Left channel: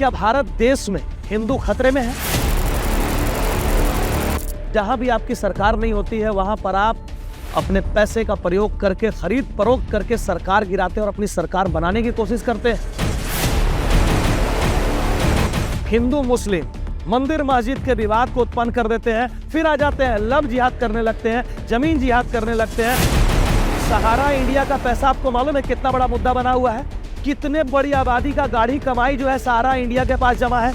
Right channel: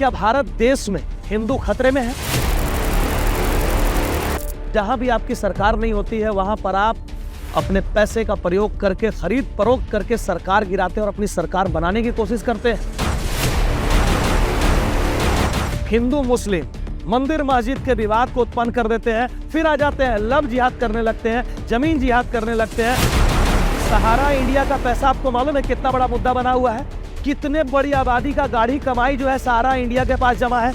क्या भारत देश में हिंदू खतरे में है? जहां भी आपकी सरकार नहीं होती है वहां पर आप अपने पैसे का प्रयोग करके, खरीद फरोख्त करके सरकार गिराते हैं और अपनी सरकार बनाने की कोशिश करते हैं। हिंदू मुस्लिम मंदिर मस्जिद के विवाद को उत्पन्न कर देते हैं, फिर आ जाते हैं लव जिहाद करने लगते हैं, जमीन जिहाद करने लगते हैं। सहारा इंडिया का पैसा आपको मालूम है कितना बड़ा मुद्दा बना हुआ है? कितने बड़ी आबादी का गाढ़ी कमाई जो है सहारा इंडिया के पास जमा है।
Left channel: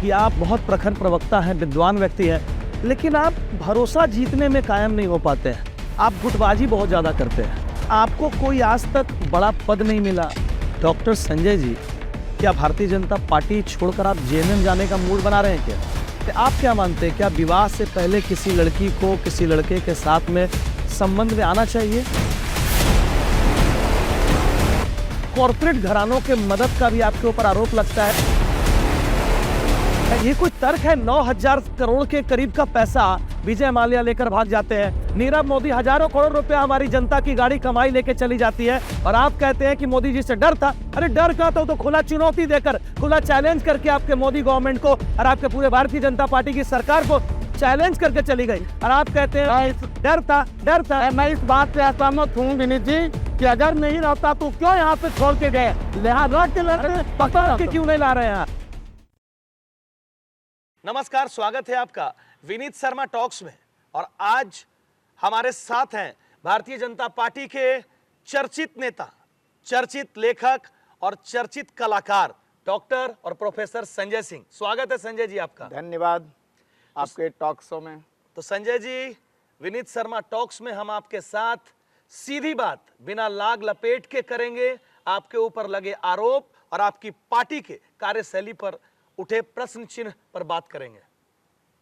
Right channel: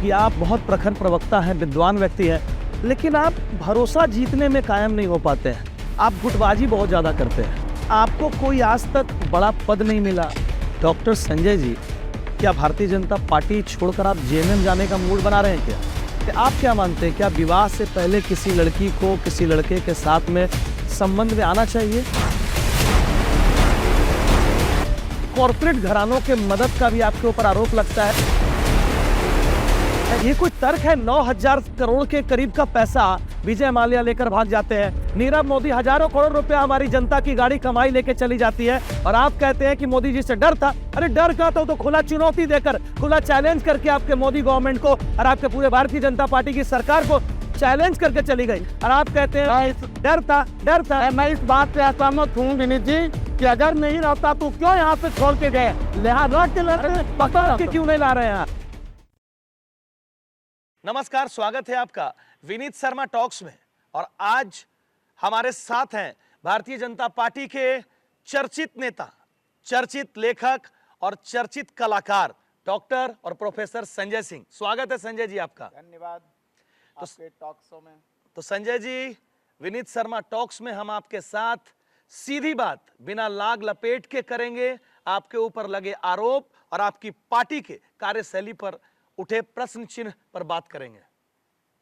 कि आप बहुत प्रखर प्रवक्ता हैं, विद्वान व्यक्ति हैं, लेकिन आप भरोसा जीतने में कायम नहीं हो पाते हैं। आप गुटबाजी बहुत ज्यादा करते हैं। आपको कोई आज तक बड़ा पद नहीं मिला। डॉक्टर संजय जी, क्या भारतीय जनता पार्टी छोड़कर आप जेएमएम जाने का मूड बना रहे हैं क्या? तो आप क्या मानते हैं, क्या विवाह से पहले किसी लड़की को किसी लड़के के साथ में संबंध में आना चाहिए? कॉर्पोरेट घरानों के मदद का भी आपके ऊपर आरोप लगता है। ये कोई तर्क है? 9,000 करोड़ के करीब का पैसा विजय माल्या लेकर भाग जाते हैं। नीरव मोदी हजारों करोड़ रुपया हमारी जनता की गाड़ी कमाई लेके चली जाती है और आप कहते हैं कि मोदी जी से डर था। अरे डर का तो खुला चुनौती देकर, खुला चैलेंज करके आपके मोदी गवर्नमेंट को और आपके पूरे भारतीय जनता पार्टी की सरकार को चैलेंज करके चली गई और आप कहते हैं डर था। मैं इस बात से असहमत हूँ विनीत जी कि अगर नहीं रहता तो क्यों यहाँ से छोड़ के गए, लिहाजा पकड़ के क्यों नहीं ला रहे हैं आप? नमस्कार, स्वागत है आपका विनीत शर्मा टॉक्स में। और आज हमारे साथ हैं भारतीय जनता पार्टी के चर्चित नेता, चर्चित लेखक और चर्चित कलाकार डॉक्टर और प्रोफेसर संजय सिंह। स्वागत है संजय जी आपका। धन्यवाद आपके टॉक शो में। तो संजय जी, विनीत शर्मा टॉक्स में हम आपके साथ सीधी बात बिना लाग लपेट के करेंगे। आपके ऊपर लगे आरोप और आपकी पार्टी के कार्यशैली पर उठे प्रश्न चिन्ह पर बात करेंगे।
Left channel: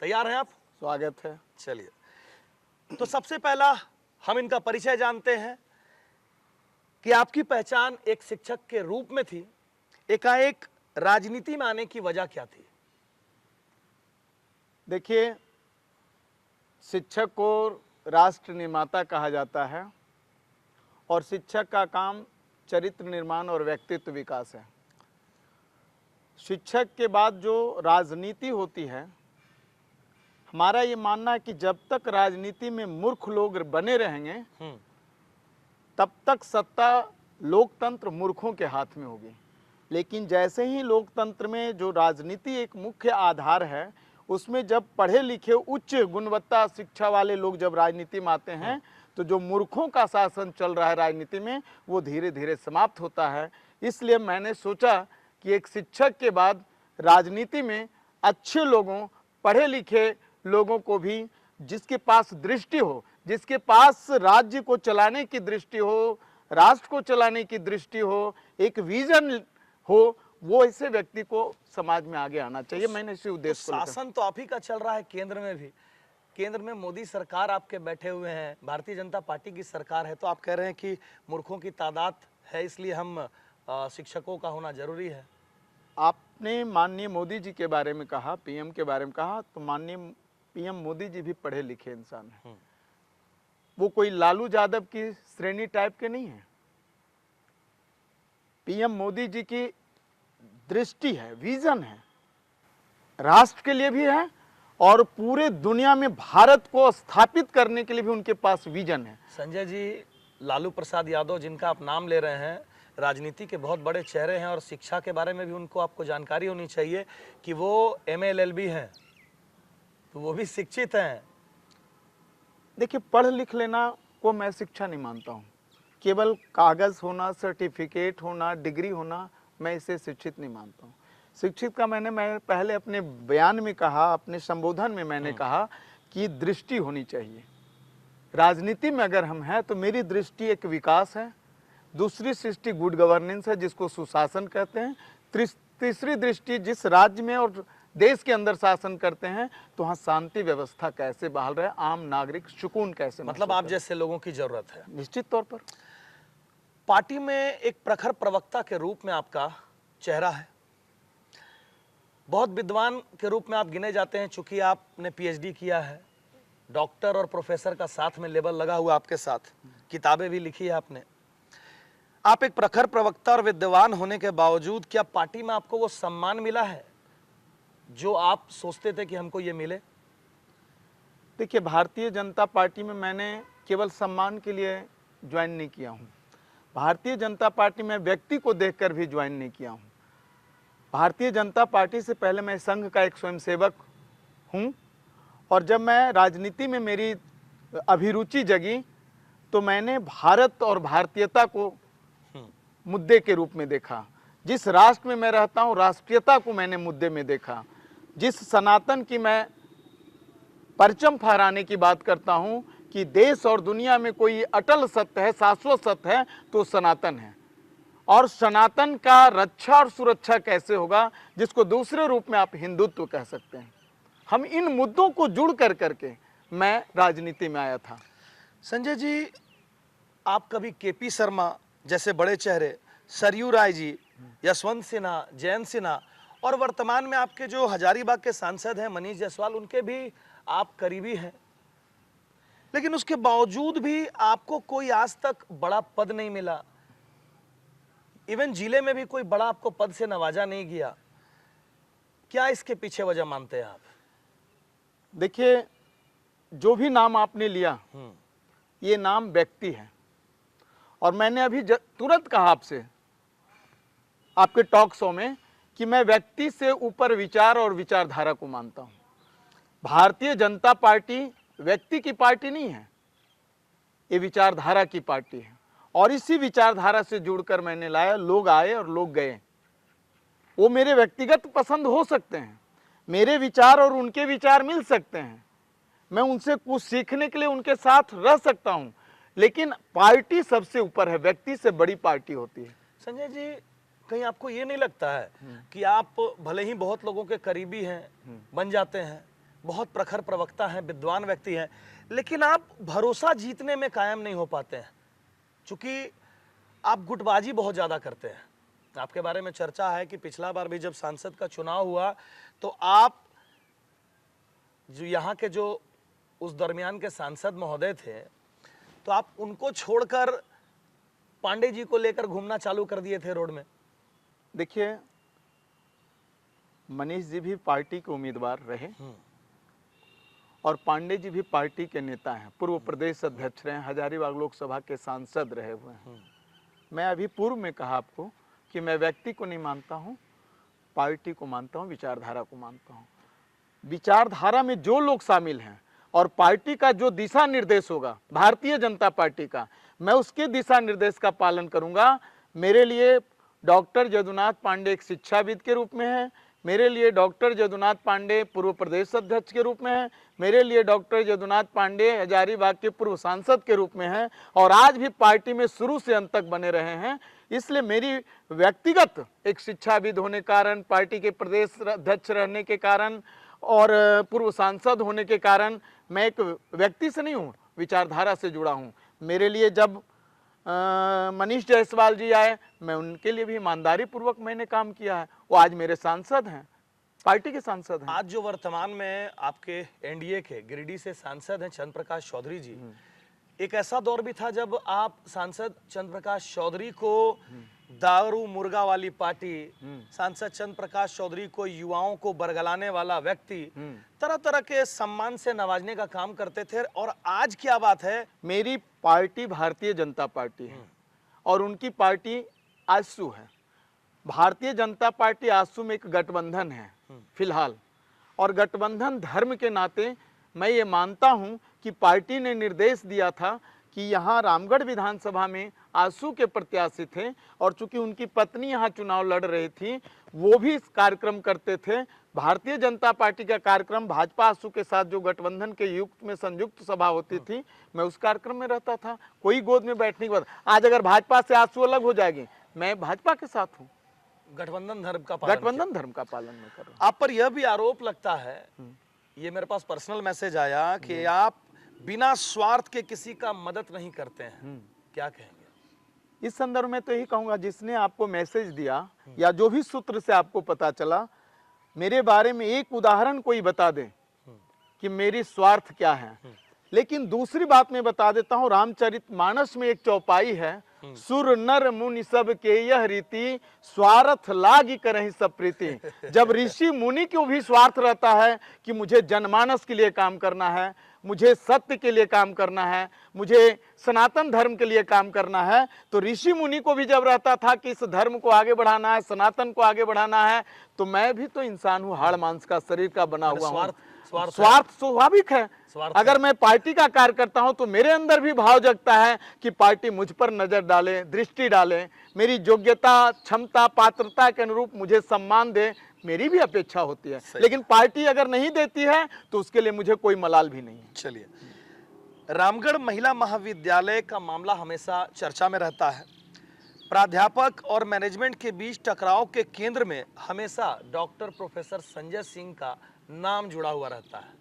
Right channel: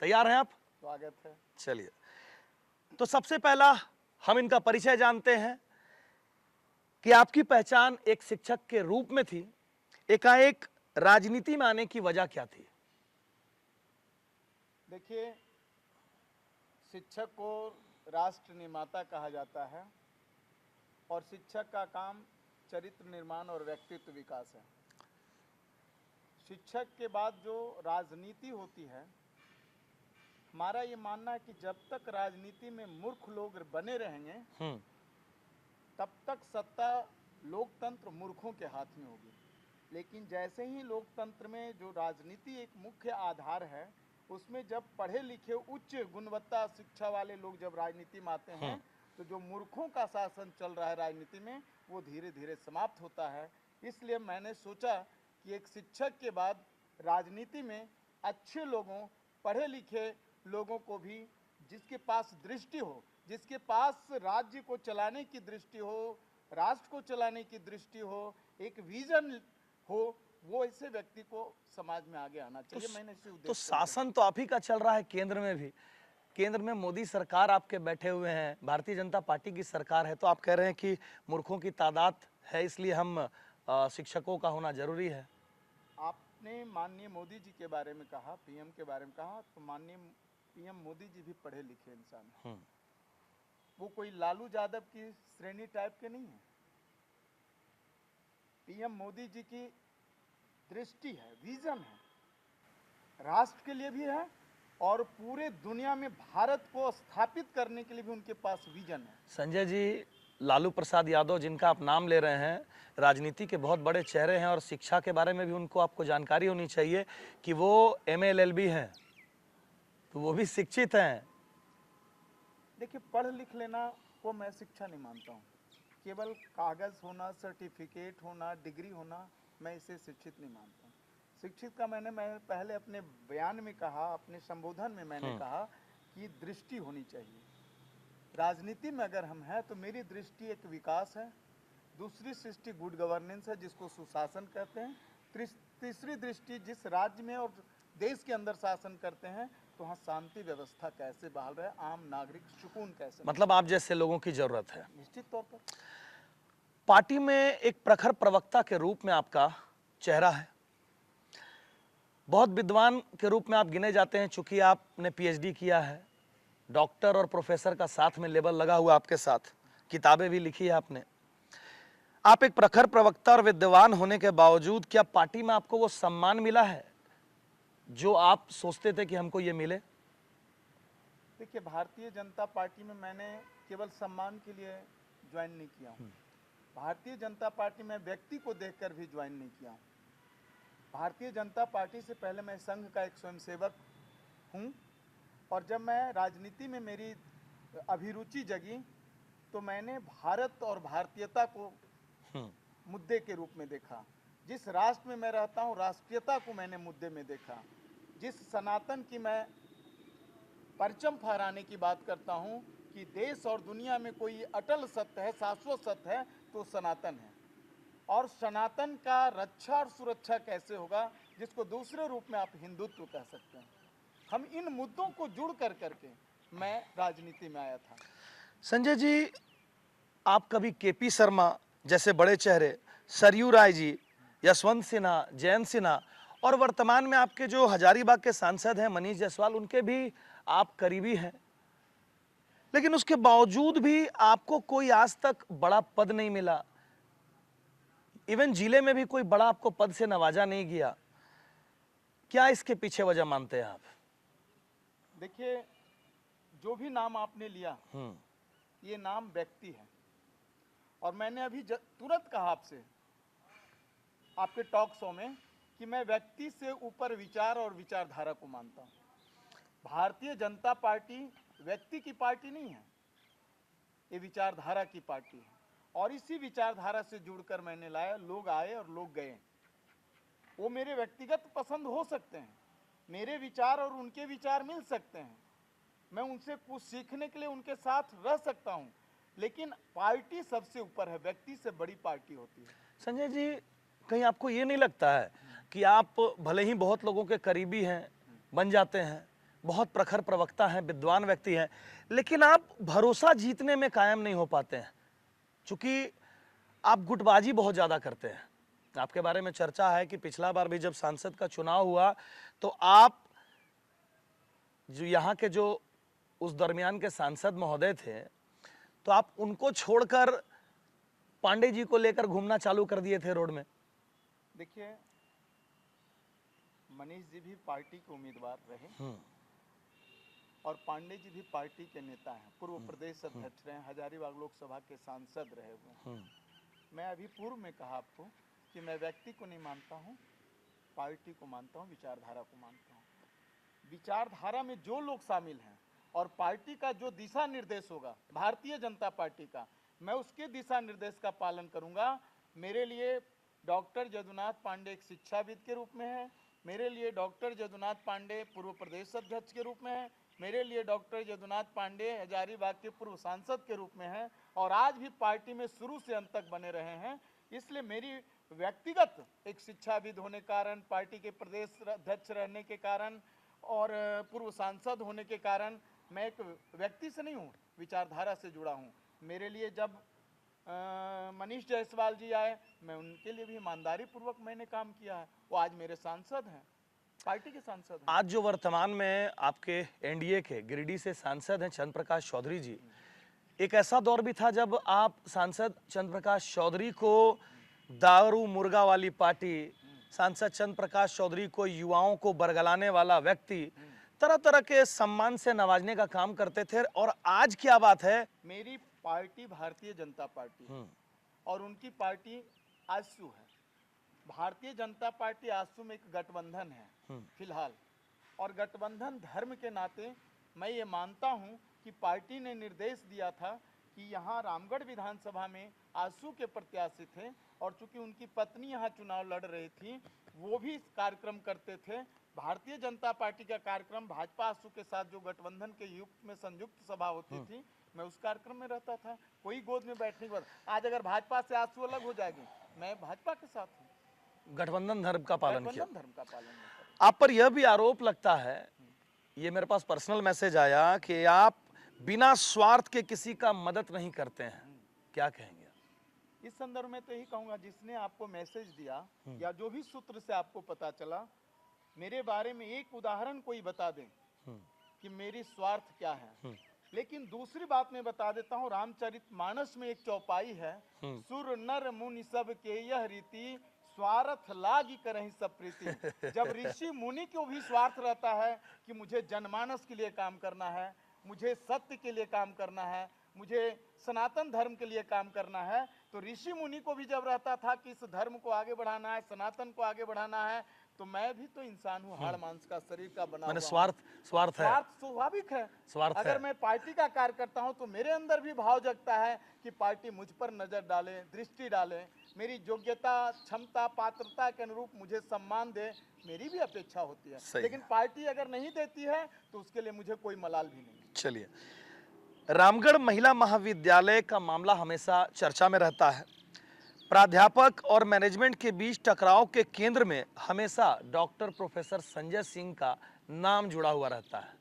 तैयार हैं आप? स्वागत है। चलिए, तो सबसे पहला हम इनका परिचय जानते हैं कि आपकी पहचान एक शिक्षक के रूप में थी, एकाएक राजनीति में आने की वजह क्या थी? देखिए, शिक्षक को राष्ट्र निर्माता कहा जाता है और शिक्षक का काम चरित्र निर्माण और व्यक्तित्व विकास है। शिक्षक के बाद जो राजनीति होती है, हमारा ये मानना है कि जब तक राजनीति में मूर्ख लोग बने रहेंगे तब तक सत्ता लोकतंत्र मूर्खों के हाथ में होगी। लेकिन जैसे ही लोकतंत्र में जो राजनीति एक मुख्य आधार है, उसमें जब पढ़े लिखे उच्च गुणवत्ता शिक्षा वाले लोग जब राजनीति में आते हैं तो जो मूर्खों का शासन चल रहा है राजनीति में, वो धीरे धीरे समाप्त होता है। इसलिए मैंने सोचा कि एक शिक्षक के बाद राजनीति में अच्छे लोगों, पढ़े लिखे लोगों को भी, जिसके पास दृष्टि हो, जिसके पास राज्य को चलाने की दृष्टि हो, राष्ट्र को चलाने की दृष्टि हो, एक विजन हो, वो ऐसे व्यक्ति को समाज में आगे आना चाहिए। मैंने इसी उद्देश्य तो शासन तो आप ही का चल रहा है केंद्र में भी। केंद्र में मोदी सरकार आपके बैठे हुए हैं, भारतीय जनता पार्टी की सरकार है, तो आप कह रहे हैं कि मूर्खों की तादाद है, इसलिए हम शिक्षकों का होना जरूरी है। आपने माननीय मोदी जी के बारे में कहा, पीएम के बारे में कहा, तो माननीय पीएम मोदी जी भी पढ़े लिखे इंसान हैं। वो कोई लालू यादव की श्रेणी टाइप के नहीं है। पीएम मोदी जी की दृष्टि है, विजन है, राष्ट्र के लिए भी है और पूरे दुनिया में भारत को स्थापित करने के लिए भी उनके पास विजन है। संजय जी, लालू प्रसाद यादव जिनका आप नाम ले रहे हैं, राजनीति के बहुत बड़े चेहरे हैं और शिक्षा के बारे में भी उनको आपको जानकारी होनी चाहिए कि वो MA LLB हैं, तो वो भी शिक्षित हैं। देखिए, पढ़ लिख लेना को मैं शिक्षा नहीं मानता हूँ। केवल कागज होना, सर्टिफिकेट होना, डिग्री होना, मैं इसे शिक्षित नहीं मानता हूँ। शिक्षित का मैं पहले अपने बयान में कहा, अपने संबोधन में मैंने कहा कि दृष्टि होनी चाहिए। राजनीति में अगर हम हैं तो मेरी दृष्टि एक विकास है, दूसरी दृष्टि गुड गवर्नेंस है जिसको सुशासन कहते हैं, तीसरी दृष्टि जिस राज्य में और देश के अंदर शासन करते हैं तो वहाँ शांति व्यवस्था कैसे बहाल रहे, आम नागरिक सुकून कैसे, मतलब आप जैसे लोगों की जरूरत है। निश्चित तौर पर पार्टी में एक प्रखर प्रवक्ता के रूप में आपका चेहरा है, बहुत विद्वान के रूप में आप गिने जाते हैं। चूंकि आपने PhD किया है, डॉक्टर और प्रोफेसर का साथ में लेबल लगा हुआ आपके साथ, किताबें भी लिखी है आपने। आप एक प्रखर प्रवक्ता और विद्वान होने के बावजूद क्या पार्टी में आपको वो सम्मान मिला है जो आप सोचते थे कि हमको ये मिले? देखिए, भारतीय जनता पार्टी में मैंने केवल सम्मान के लिए ज्वाइन नहीं किया हूँ। भारतीय जनता पार्टी में व्यक्ति को देखकर भी ज्वाइन नहीं किया हूँ। भारतीय जनता पार्टी से पहले मैं संघ का एक स्वयंसेवक हूँ, और जब मैं राजनीति में मेरी अभिरुचि जगी तो मैंने भारत और भारतीयता को मुद्दे के रूप में देखा। जिस राष्ट्र में मैं रहता हूँ, राष्ट्रीयता को मैंने मुद्दे में देखा। जिस सनातन की मैं परचम फहराने की बात करता हूँ कि देश और दुनिया में कोई अटल सत्य है, शाश्वत सत्य है, तो सनातन है। और सनातन का रक्षा और सुरक्षा कैसे होगा, जिसको दूसरे रूप में आप हिंदुत्व कह सकते हैं। हम इन मुद्दों को जुड़ कर करके मैं राजनीति में आया था। संजय जी, आप कभी केपी शर्मा जैसे बड़े चेहरे, सरयू राय जी, यशवंत सिन्हा, जयंत सिन्हा और वर्तमान में आपके जो हजारीबाग के सांसद हैं मनीष जायसवाल, उनके भी आप करीबी हैं, लेकिन उसके बावजूद भी आपको कोई आज तक बड़ा पद नहीं मिला। इवन जिले में भी कोई बड़ा आपको पद से नवाजा नहीं गया। क्या इसके पीछे वजह मानते हैं आप? देखिए, जो भी नाम आपने लिया, ये नाम व्यक्ति है। और मैंने अभी तुरंत कहा आपसे आपके टॉक शो में कि मैं व्यक्ति से ऊपर विचार और विचारधारा को मानता हूं। भारतीय जनता पार्टी व्यक्ति की पार्टी नहीं है, ये विचारधारा की पार्टी है। और इसी विचारधारा से जुड़कर मैंने लाया। लोग आए और लोग गए। वो मेरे व्यक्तिगत पसंद हो सकते हैं, मेरे विचार और उनके विचार मिल सकते हैं, मैं उनसे कुछ सीखने के लिए उनके साथ रह सकता हूं, लेकिन पार्टी सबसे ऊपर है। व्यक्ति से बड़ी पार्टी होती है। संजय जी, कहीं आपको ये नहीं लगता है कि आप भले ही बहुत लोगों के करीबी हैं, बन जाते हैं, बहुत प्रखर प्रवक्ता हैं, विद्वान व्यक्ति हैं, लेकिन आप भरोसा जीतने में कायम नहीं हो पाते हैं, क्योंकि आप गुटबाजी बहुत ज़्यादा करते हैं। आपके बारे में चर्चा है कि पिछला बार भी जब सांसद का चुनाव हुआ तो आप जो यहाँ के जो उस दरमियान के सांसद महोदय थे, तो आप उनको छोड़कर पांडे जी को लेकर घूमना चालू कर दिए थे रोड में। देखिए, मनीष जी भी पार्टी के उम्मीदवार रहे और पांडे जी भी पार्टी के नेता हैं, पूर्व प्रदेश अध्यक्ष रहे, हजारीबाग लोकसभा के सांसद रहे हुए हैं। मैं अभी पूर्व में कहा आपको कि मैं व्यक्ति को नहीं मानता हूं, पार्टी को मानता हूं, विचारधारा को मानता हूं। विचारधारा में जो लोग शामिल हैं और पार्टी का जो दिशा निर्देश होगा भारतीय जनता पार्टी का, मैं उसके दिशा निर्देश का पालन करूंगा। मेरे लिए डॉक्टर जदुनाथ पांडे एक शिक्षाविद के रूप में है, मेरे लिए डॉक्टर जदुनाथ पांडे पूर्व प्रदेश अध्यक्ष के रूप में है, मेरे लिए डॉक्टर जदुनाथ पांडे हजारीबाग के पूर्व सांसद के रूप में है, और आज भी पार्टी में शुरू से अंत तक बने रहे हैं। इसलिए मेरी व्यक्तिगत एक शिक्षाविद होने के कारण, पार्टी के प्रदेश अध्यक्ष रहने के कारण और पूर्व सांसद होने के कारण मैं एक व्यक्ति से नहीं हूँ, विचारधारा से जुड़ा हूँ। मेरे लिए जब मनीष जायसवाल जी आए, मैं उनके लिए भी ईमानदारी पूर्वक मैंने काम किया है। वो आज मेरे सांसद हैं, पार्टी के सांसद हैं। आज जो वर्तमान में आपके एनडीए के गिरिडीह से सांसद हैं चंद्र प्रकाश चौधरी जी, एक ऐसा दौर भी था जब आप सांसद चंद्र प्रकाश चौधरी को दारू मुर्गा वाली पार्टी, सांसद चंद्र प्रकाश चौधरी को युवाओं को बरगलाने वाला व्यक्ति, तरह तरह के सम्मान से नवाजने का काम करते थे। और आज क्या बात है, मेरी पार्टी भारतीय जनता पार्टी है और उनकी पार्टी आजसू है। भारतीय जनता पार्टी आजसू में एक गठबंधन है फिलहाल, और गठबंधन धर्म के नाते मैं ये मानता हूं कि पार्टी ने निर्देश दिया था कि यहाँ रामगढ़ विधानसभा में आजसू के प्रत्याशी थे, और चूंकि उनकी पत्नी यहाँ चुनाव लड़ रही थी, वो भी इस कार्यक्रम करते थे। भारतीय जनता पार्टी का कार्यक्रम भाजपा आजसू के साथ जो गठबंधन के युक्त में संयुक्त सभा होती थी, मैं उस कार्यक्रम में रहता था। कोई गोद में बैठने के बाद आज अगर भाजपा से आजसू अलग हो जाएगी, मैं भाजपा के साथ हूँ। गठबंधन धर्म का पालन नहीं कर रहा। आप पर यह भी आरोप लगता है, ये मेरे पास पर्सनल मैसेज आया कि आप बिना स्वार्थ के किसी का मदद नहीं करते हैं, क्या कहेंगे? इस संदर्भ में तो यही कहूंगा, जिसने आपको मैसेज दिया या जो भी सूत्र से आपको पता चला, मेरे बारे में एक उदाहरण कोई बता दे कि मेरी स्वार्थ क्या है। लेकिन दूसरी बात मैं बता देता हूं, रामचरितमानस में एक चौपाई है, सुर नर मुनि सब के यह रीति, स्वार्थ लागी करहि सब प्रीति। जब ऋषि मुनि को भी स्वार्थ रहता है कि मुझे जनमानस के लिए काम करना है, मुझे सत्य के लिए काम करना है, मुझे सनातन धर्म के लिए काम करना है, तो ऋषि मुनि को भी जब रहता था कि इस धर्म को आगे बढ़ाना है, सनातन को आगे बढ़ाना है, तो मैं भी तो इंसान हूं, हाड़ मांस का, शरीर का बना हुआ हूं। स्वार्थ स्वाभाविक है। अगर मैं पार्टी का कार्य करता हूं तो मेरे अंदर भी भाव जगता है कि पार्टी मुझ पर नजर डाले, दृष्टि डाले, मेरी योग्यता, क्षमता, पात्रता के अनुरूप मुझे सम्मान दे, मेरी भी अपेक्षा होती है। लेकिन पार्टी अगर नहीं देती है तो उसके लिए मुझे कोई मलाल भी नहीं है। चलिए, रामगढ़ महिला महाविद्यालय का मामला हमेशा चर्चा में रहता है। प्राध्यापक और मैनेजमेंट के बीच टकराव के केंद्र में हमेशा डॉक्टर प्रोफेसर संजय सिंह का नाम जुड़ा हुआ रहता है।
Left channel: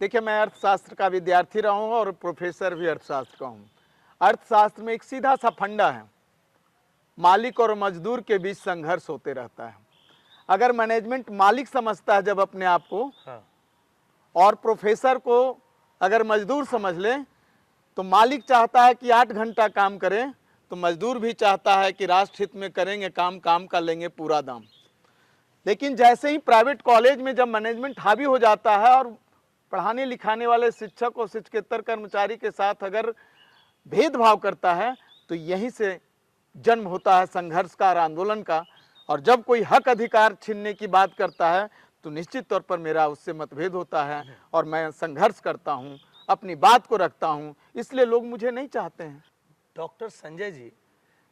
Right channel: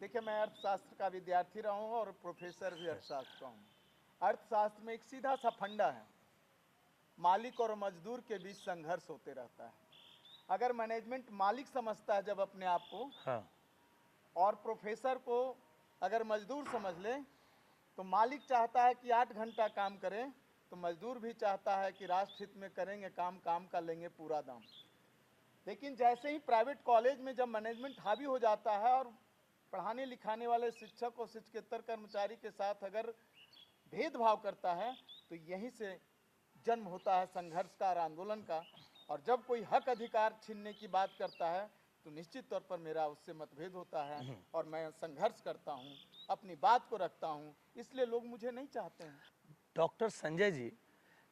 देखिए, मैं अर्थशास्त्र का विद्यार्थी रहा हूं और प्रोफेसर भी अर्थशास्त्र का हूं। अर्थशास्त्र में एक सीधा सा फंडा है, मालिक और मजदूर के बीच संघर्ष होते रहता है। अगर मैनेजमेंट मालिक समझता है जब अपने आप को, हाँ। और प्रोफेसर को अगर मजदूर समझ ले, तो मालिक चाहता है कि 8 घंटा काम करें, तो मजदूर भी चाहता है कि राष्ट्र हित में करेंगे काम, काम का लेंगे पूरा दाम। लेकिन जैसे ही प्राइवेट कॉलेज में जब मैनेजमेंट हावी हो जाता है और पढ़ाने लिखाने वाले शिक्षक और शिक्षकेतर कर्मचारी के साथ अगर भेदभाव करता है, तो यहीं से जन्म होता है संघर्ष का और आंदोलन का। और जब कोई हक अधिकार छीनने की बात करता है तो निश्चित तौर पर मेरा उससे मतभेद होता है और मैं संघर्ष करता हूं, अपनी बात को रखता हूं, इसलिए लोग मुझे नहीं चाहते हैं। डॉक्टर संजय जी,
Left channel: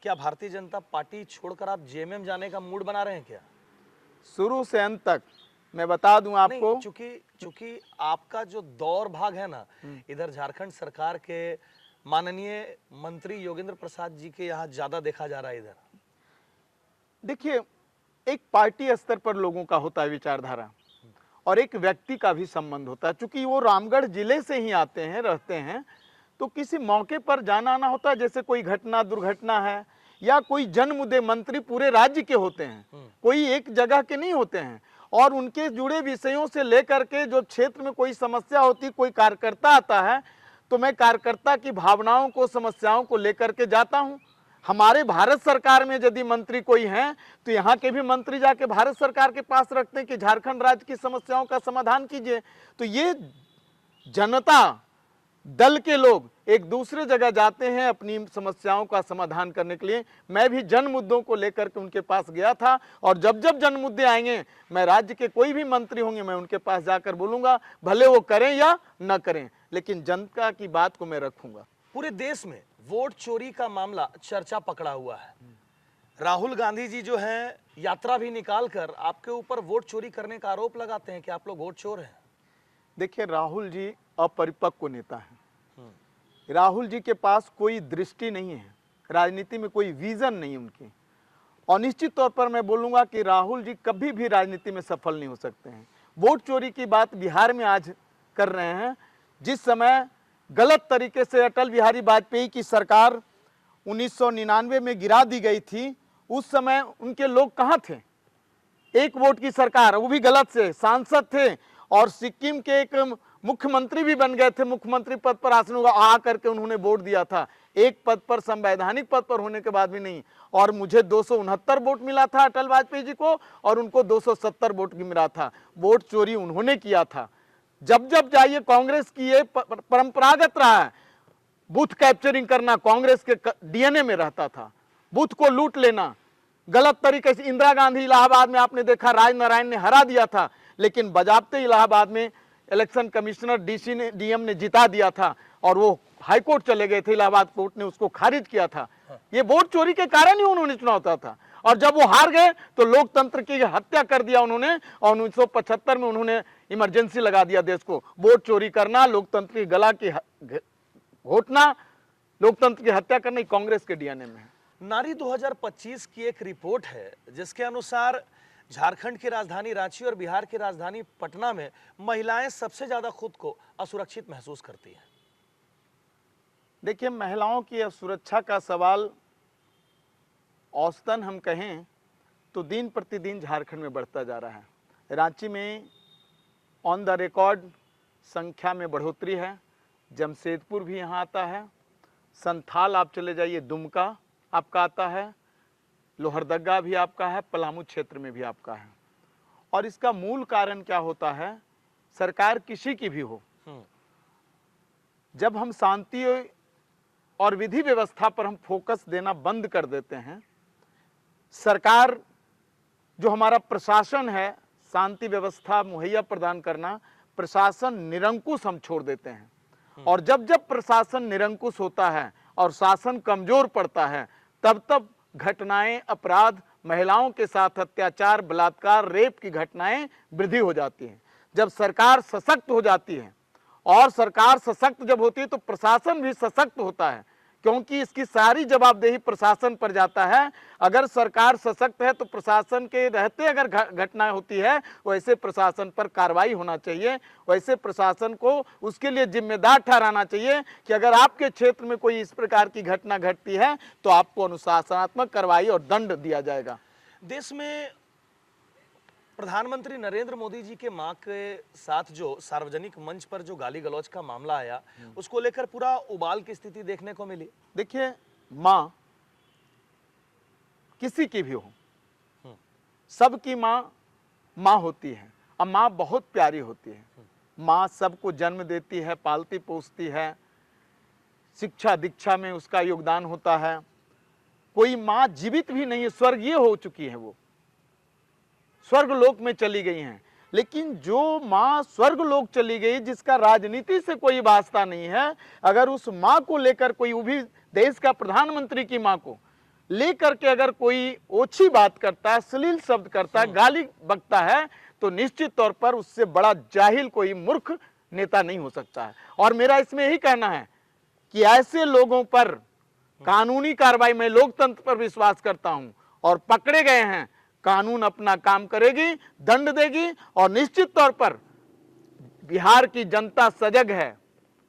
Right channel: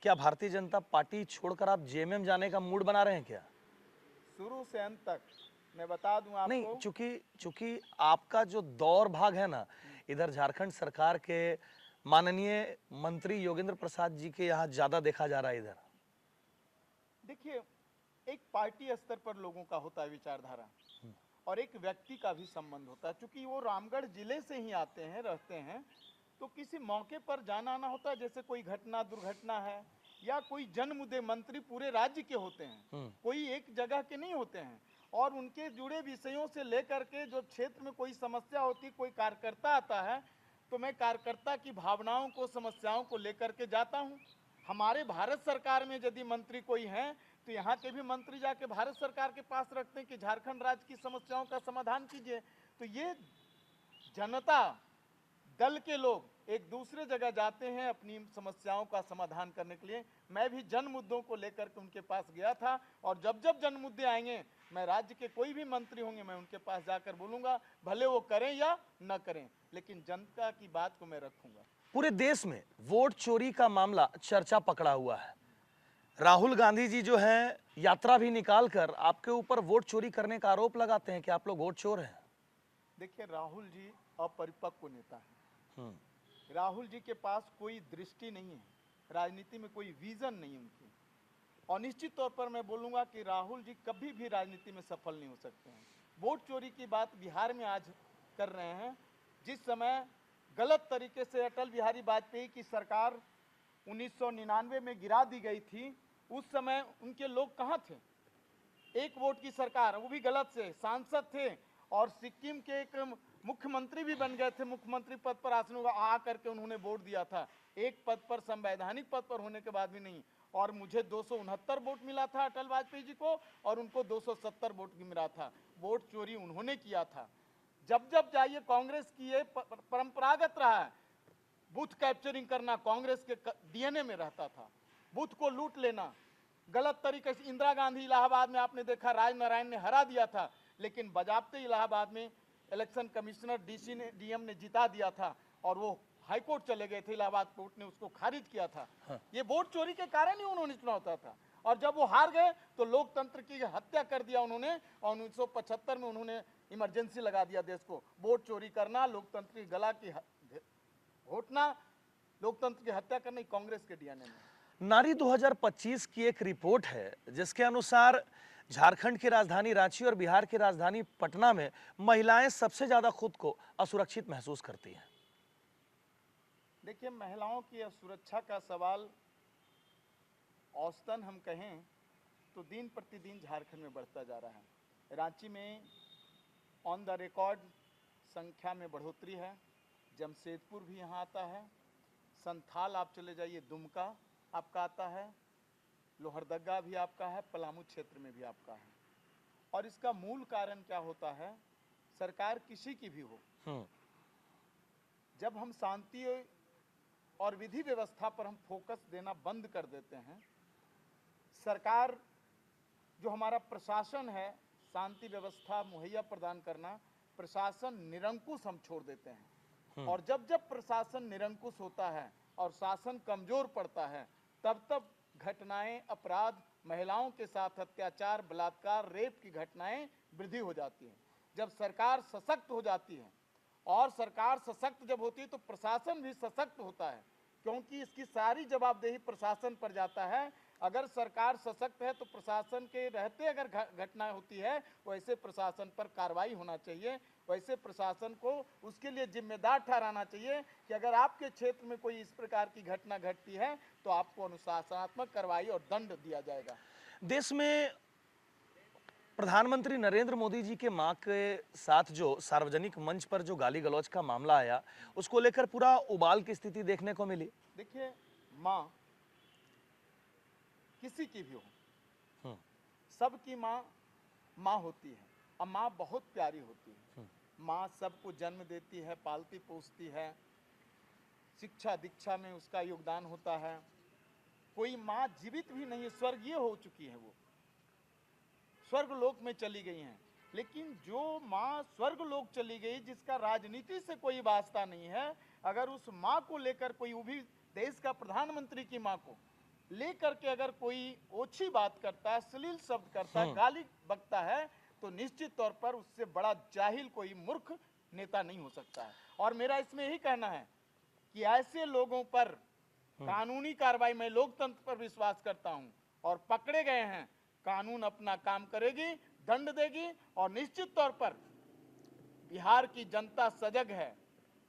क्या भारतीय जनता पार्टी छोड़कर आप जेएमएम जाने का मूड बना रहे हैं क्या? शुरू से अंत तक मैं बता दूं आपको, चूंकि आपका जो दौर भाग है ना, इधर झारखंड सरकार के माननीय मंत्री योगेंद्र प्रसाद जी के यहाँ ज्यादा देखा जा रहा है। इधर देखिए, एक पार्टी स्तर पर लोगों का होता है विचारधारा और एक व्यक्ति का भी संबंध होता है। चूंकि वो रामगढ़ जिले से ही आते हैं, रहते हैं, तो किसी मौके पर जाना आना होता है। जैसे कोई घटना दुर्घटना है या कोई जन मुद्दे, मंत्री पूरे राज्य के होते हैं, कोई एक जगह के नहीं होते हैं, और उनके जुड़े विषयों से लेकर के जो क्षेत्र में कोई समस्या होती, कोई कार्यकर्ता आता है, तो मैं कार्यकर्ता की भावनाओं को, समस्याओं को लेकर के जाता हूं। हमारे भारत सरकार में यदि मंत्री कोई हैं, तो यहाँ के भी मंत्री जाके भारत सरकार के पास रखते हैं कि झारखंड राज्य की समस्याओं का समाधान कीजिए। तो ये जनता दल के लोग एक दूसरे जगह जाते हैं अपनी समस्याओं का समाधान करने के लिए। मैं भी जन मुद्दों को लेकर के उनके पास गया था, और जब जब जन मुद्दे आएंगे, मैं राज्य के कोई भी मंत्री होंगे, मैं उनके पास जाकर बोलूंगा, भले वो करें या न करें, लेकिन जनता की बात को मैं रखूंगा। पूरे देश में वोट चोरी का मामला चर्चा पकड़ा हुआ है। राहुल गांधी जी जो हैं, यात्रा भी निकालकर आपके ऊपर वोट चोरी करने का आरोप लगाते हैं कि आप लोग वोट चोर हैं। देखिए, राहुल जी अपरिपक्व नेता हैं। राहुल जी के पास कोई दृष्टि नहीं है, राजनीति में कोई विजन नहीं उनकी, और निश्चित तौर पर मैं बोलूंगा कि राहुल जी कभी भी राजनीति में सफल नहीं हो सकते हैं। वोट चोरी की बात बिहार में आज कर रहे हैं। जिस समय गलत तरीके से अटल बिहारी वाजपेयी की सरकार 1999 में गिरा दी गई थी, उस समय उनके लोग कहां थे? एक वोट की सरकार, वो भी गलत से सांसद थे, और सिक्किम के एक मुख्यमंत्री भी बन गए थे, मुख्यमंत्री पद पर आसन आ करके उन्होंने वोट दिया था, एक पद पर, संवैधानिक पद पर होने के बाद भी नहीं। और मुझे 269 वोट मिला था अटल वाजपेयी जी को, और उनको 270 वोट मिला था। वोट चोरी उन्होंने किया था। जब जब जाइए, कांग्रेस की ये परंपरागत रहा है, बूथ कैप्चरिंग करना कांग्रेस के डीएनए में रहता था, बूथ को लूट लेना गलत तरीके से। इंदिरा गांधी इलाहाबाद में आपने देखा, राजनारायण ने हरा दिया था, लेकिन बजाबते इलाहाबाद में इलेक्शन कमिश्नर डीएम ने जिता दिया था, और वो हाईकोर्ट चले गए थे, इलाहाबाद कोर्ट ने उसको खारिज किया था। ये वोट चोरी के कारण ही उन्होंने चुनाव होता था, और जब वो हार गए तो लोकतंत्र की हत्या कर दिया उन्होंने, और 1975 में उन्होंने इमरजेंसी लगा दिया देश को। वोट चोरी करना, लोकतंत्र की गला की घोटना, लोकतंत्र की हत्या करना कांग्रेस के डीएनए में है। नारी 2025 की एक रिपोर्ट है जिसके अनुसार झारखंड की राजधानी रांची और बिहार की राजधानी पटना में महिलाएं सबसे ज्यादा खुद को असुरक्षित महसूस करती हैं। देखिए, महिलाओं की सुरक्षा का सवाल औसतन हम कहें तो दिन प्रतिदिन झारखंड में बढ़ता जा रहा है। रांची में ऑन द रिकॉर्ड संख्या में बढ़ोतरी है, जमशेदपुर भी यहाँ आता है, संथाल आप चले जाइए, दुमका आपका आता है, लोहरदगा भी आपका है, पलामू क्षेत्र में भी आपका है। और इसका मूल कारण क्या होता है, सरकार किसी की भी हो, जब हम शांति और विधि व्यवस्था पर हम फोकस देना बंद कर देते हैं, सरकार जो हमारा प्रशासन है, शांति व्यवस्था मुहैया प्रदान करना, प्रशासन निरंकुश हम छोड़ देते हैं। और जब जब प्रशासन निरंकुश होता है और शासन कमजोर पड़ता है, तब तब घटनाएं, अपराध, महिलाओं के साथ अत्याचार, बलात्कार, रेप की घटनाएं वृद्धि हो जाती हैं। जब सरकार सशक्त हो जाती है, और सरकार सशक्त जब होती है तो प्रशासन भी सशक्त होता है, क्योंकि इसकी सारी जवाबदेही प्रशासन पर जाता है। अगर सरकार सशक्त है तो प्रशासन के रहते अगर घटनाएं होती है, वैसे प्रशासन पर कार्रवाई होना चाहिए, वैसे प्रशासन को उसके लिए जिम्मेदार ठहराना चाहिए कि अगर आपके क्षेत्र में कोई इस प्रकार की घटना घटती है तो आपको अनुशासनात्मक कार्रवाई और दंड दिया जाएगा। देश में प्रधानमंत्री नरेंद्र मोदी जी के मां के साथ जो सार्वजनिक मंच पर जो गाली गलौज का मामला आया, उसको लेकर पूरा उबाल की स्थिति देखने को मिली। देखिए, माँ किसी की भी हो, सबकी माँ माँ होती है, और माँ बहुत प्यारी होती है। माँ सबको जन्म देती है, पालती पोसती है, शिक्षा दीक्षा में उसका योगदान होता है। कोई माँ जीवित भी नहीं है, स्वर्गीय हो चुकी है, वो स्वर्ग लोक में चली गई हैं। लेकिन जो माँ स्वर्ग लोक चली गई, जिसका राजनीति से कोई वास्ता नहीं है, अगर उस माँ को लेकर कोई, वो भी देश का प्रधानमंत्री की माँ को लेकर के अगर कोई ओछी बात करता है, अश्लील शब्द करता है, गाली बकता है, तो निश्चित तौर पर उससे बड़ा जाहिल कोई मूर्ख नेता नहीं हो सकता है। और मेरा इसमें यही कहना है कि ऐसे लोगों पर कानूनी कार्रवाई, में लोकतंत्र पर विश्वास करता हूं, और पकड़े गए हैं, कानून अपना काम करेगी, दंड देगी। और निश्चित तौर पर बिहार की जनता सजग है,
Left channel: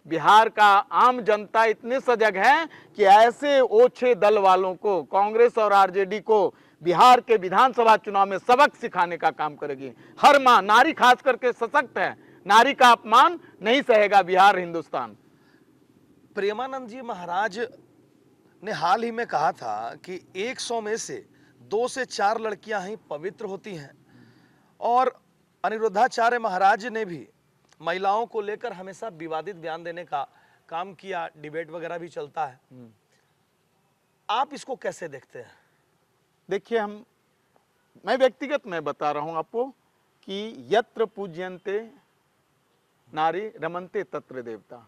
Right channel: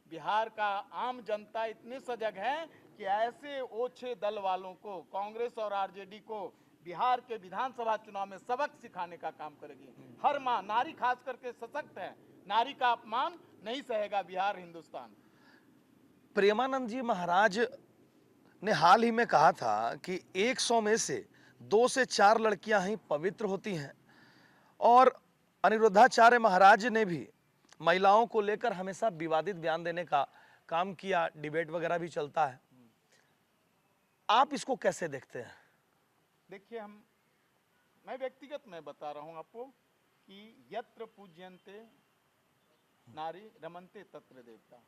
बिहार का आम जनता इतने सजग है कि ऐसे ओछे दल वालों को, कांग्रेस और आरजेडी को, बिहार के विधानसभा चुनाव में सबक सिखाने का काम करेगी। हर मां, नारी खास करके सशक्त है, नारी का अपमान नहीं सहेगा बिहार, हिंदुस्तान। प्रेमानंद जी महाराज ने हाल ही में कहा था कि 100 में से 2 से 4 लड़कियां ही पवित्र होती हैं, और अनिरुद्धाचार्य महाराज ने भी महिलाओं को लेकर हमेशा विवादित बयान देने का काम किया, डिबेट वगैरह भी चलता है। आप इसको कैसे देखते हैं? देखिए, मैं व्यक्तिगत में बता रहा हूं आपको कि यत्र पूज्यन्ते नारी रमन्ते तत्र देवता।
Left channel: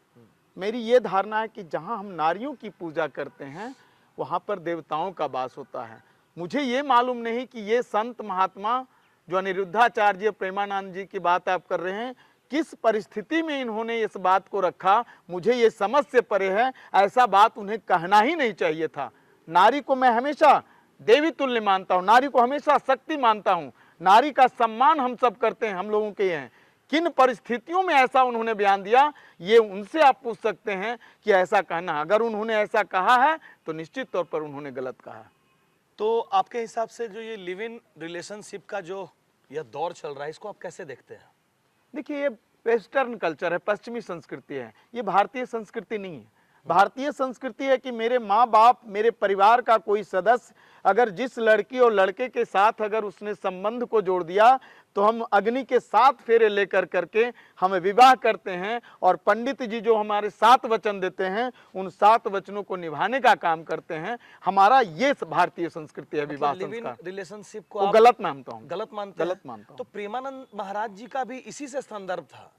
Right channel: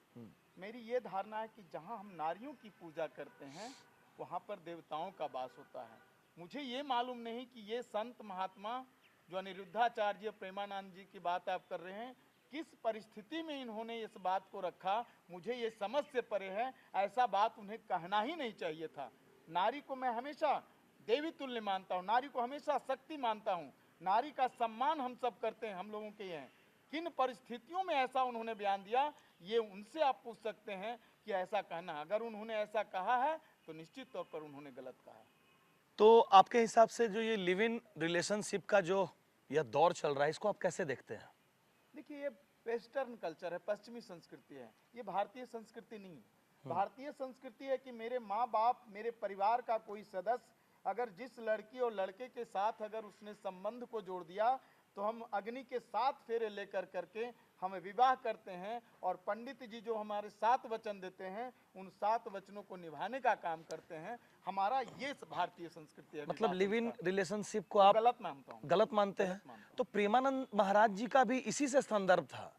मेरी ये धारणा है कि जहां हम नारियों की पूजा करते हैं, वहां पर देवताओं का वास होता है। मुझे ये मालूम नहीं कि ये संत महात्मा जो अनिरुद्धाचार्य, प्रेमानंद जी की बात आप कर रहे हैं, किस परिस्थिति में इन्होंने इस बात को रखा, मुझे ये समझ से परे है। ऐसा बात उन्हें कहना ही नहीं चाहिए था। नारी को मैं हमेशा देवी तुल्य मानता हूँ, नारी को हमेशा शक्ति मानता हूँ, नारी का सम्मान हम सब करते हैं, हम लोगों के हैं। किन परिस्थितियों में ऐसा उन्होंने बयान दिया, ये उनसे आप पूछ सकते हैं कि ऐसा कहना। अगर उन्होंने ऐसा कहा है तो निश्चित तौर पर उन्होंने गलत कहा है। तो आपके हिसाब से जो ये लिव इन रिलेशनशिप का जो यह दौर चल रहा है, इसको आप कैसे देखते हैं? देखिए, ये वेस्टर्न कल्चर है, पश्चिमी संस्कृति है, ये भारतीय संस्कृति नहीं है। भारतीय संस्कृति है कि मेरे माँ बाप, मेरे परिवार का कोई सदस्य अगर जिस लड़की और लड़के के साथ अगर उसने संबंध को जोड़ दिया, तो हम अग्नि के 7 फेरे लेकर करके हम विवाह करते हैं, और पंडित जी जो हमारे 7 वचन देते हैं, उन 7 वचनों को निभाने का काम करते हैं। हमारा ये भारतीय संस्कृति है। मतलब लिव इन रिलेशनशिप को आप आप गलत मानता हूँ, गलत मानते गलत हैं? मानता हूँ। तो प्रेमानंद महाराज जी का भी इसी से संदर्भ था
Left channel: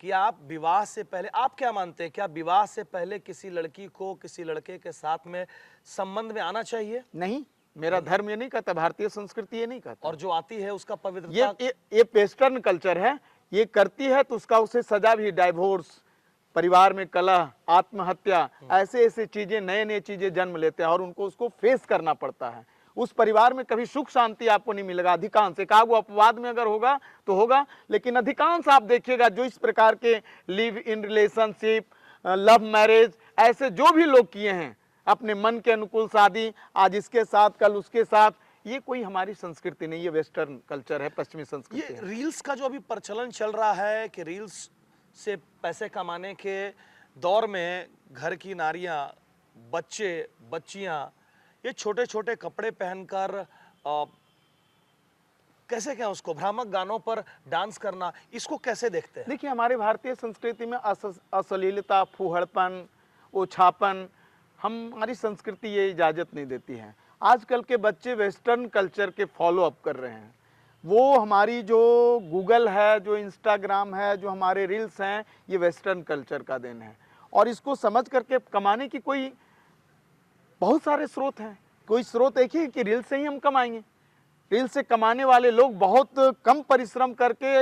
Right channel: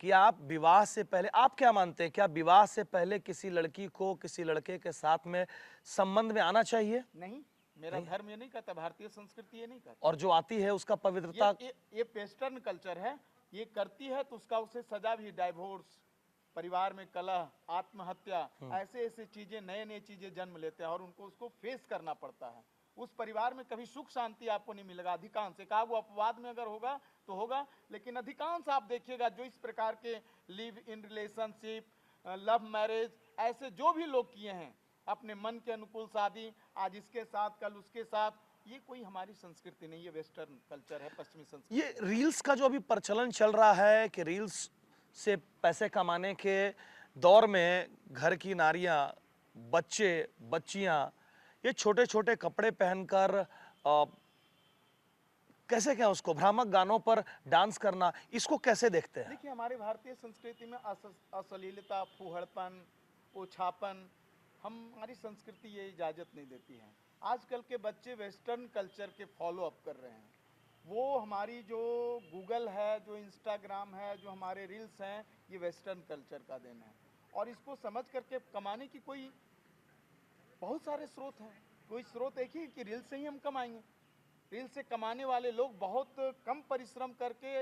कि आप विवाह से पहले, आप क्या मानते हैं, क्या विवाह से पहले किसी लड़की को किसी लड़के के साथ में संबंध में आना चाहिए? नहीं, मेरा धर्म ये नहीं कहता, भारतीय संस्कृति ये नहीं कहता। और जो आती है उसका पवित्रता, ये वेस्टर्न कल्चर है, ये करती है तो उसका उसे सजा भी, डाइवोर्स, परिवार में कलह, आत्महत्या, ऐसे ऐसे चीजें, नए नए चीजें जन्म लेते हैं, और उनको उसको फेस करना पड़ता है। उस परिवार में कभी सुख शांति आपको नहीं मिलेगा। अधिकांश, एक वो अपवाद में अगर होगा तो होगा, लेकिन अधिकांश आप देखिएगा जो इस प्रकार के live in relationship, love marriage, ऐसे जो भी लोग किए हैं, अपने मन के अनुकूल शादी, आज इसके साथ कल उसके साथ, ये कोई हमारी संस्कृति नहीं, ये वेस्टर्न कल्चर है, पश्चिमी संस्कृति ये रील्स का जो अभी प्रचलन चल रहा है कि रील्स से पैसे कमाने के दौर में घर की नारियां, बच्चे, बच्चियां ये छोटे छोटे कपड़े पहनकर कैसे क्या उसको भ्रामक गानों पर डांस करना, इसको कैसे देखते हैं? देखिए, हमारे भारतीय संस्कृति में अश्लीलता, फूहड़पन, ओछापन, हमारी संस्कृति ये इजाज़त नहीं देती है। आजकल के बच्चे वेस्टर्न कल्चर के फॉलो अप कर रहे हैं। वो हमारी जो गूगल है, जो इंस्टाग्राम है, जो हमारे रील्स हैं, ये वेस्टर्न कल्चर का देन है। और इसको समझ करके कमाने की कोई बहुत सारे स्रोत हैं। कोई स्रोत एक ही कि रील से ही हम कमाएंगे। रील से कमाने वाले लोग बहुत कम परिश्रम करके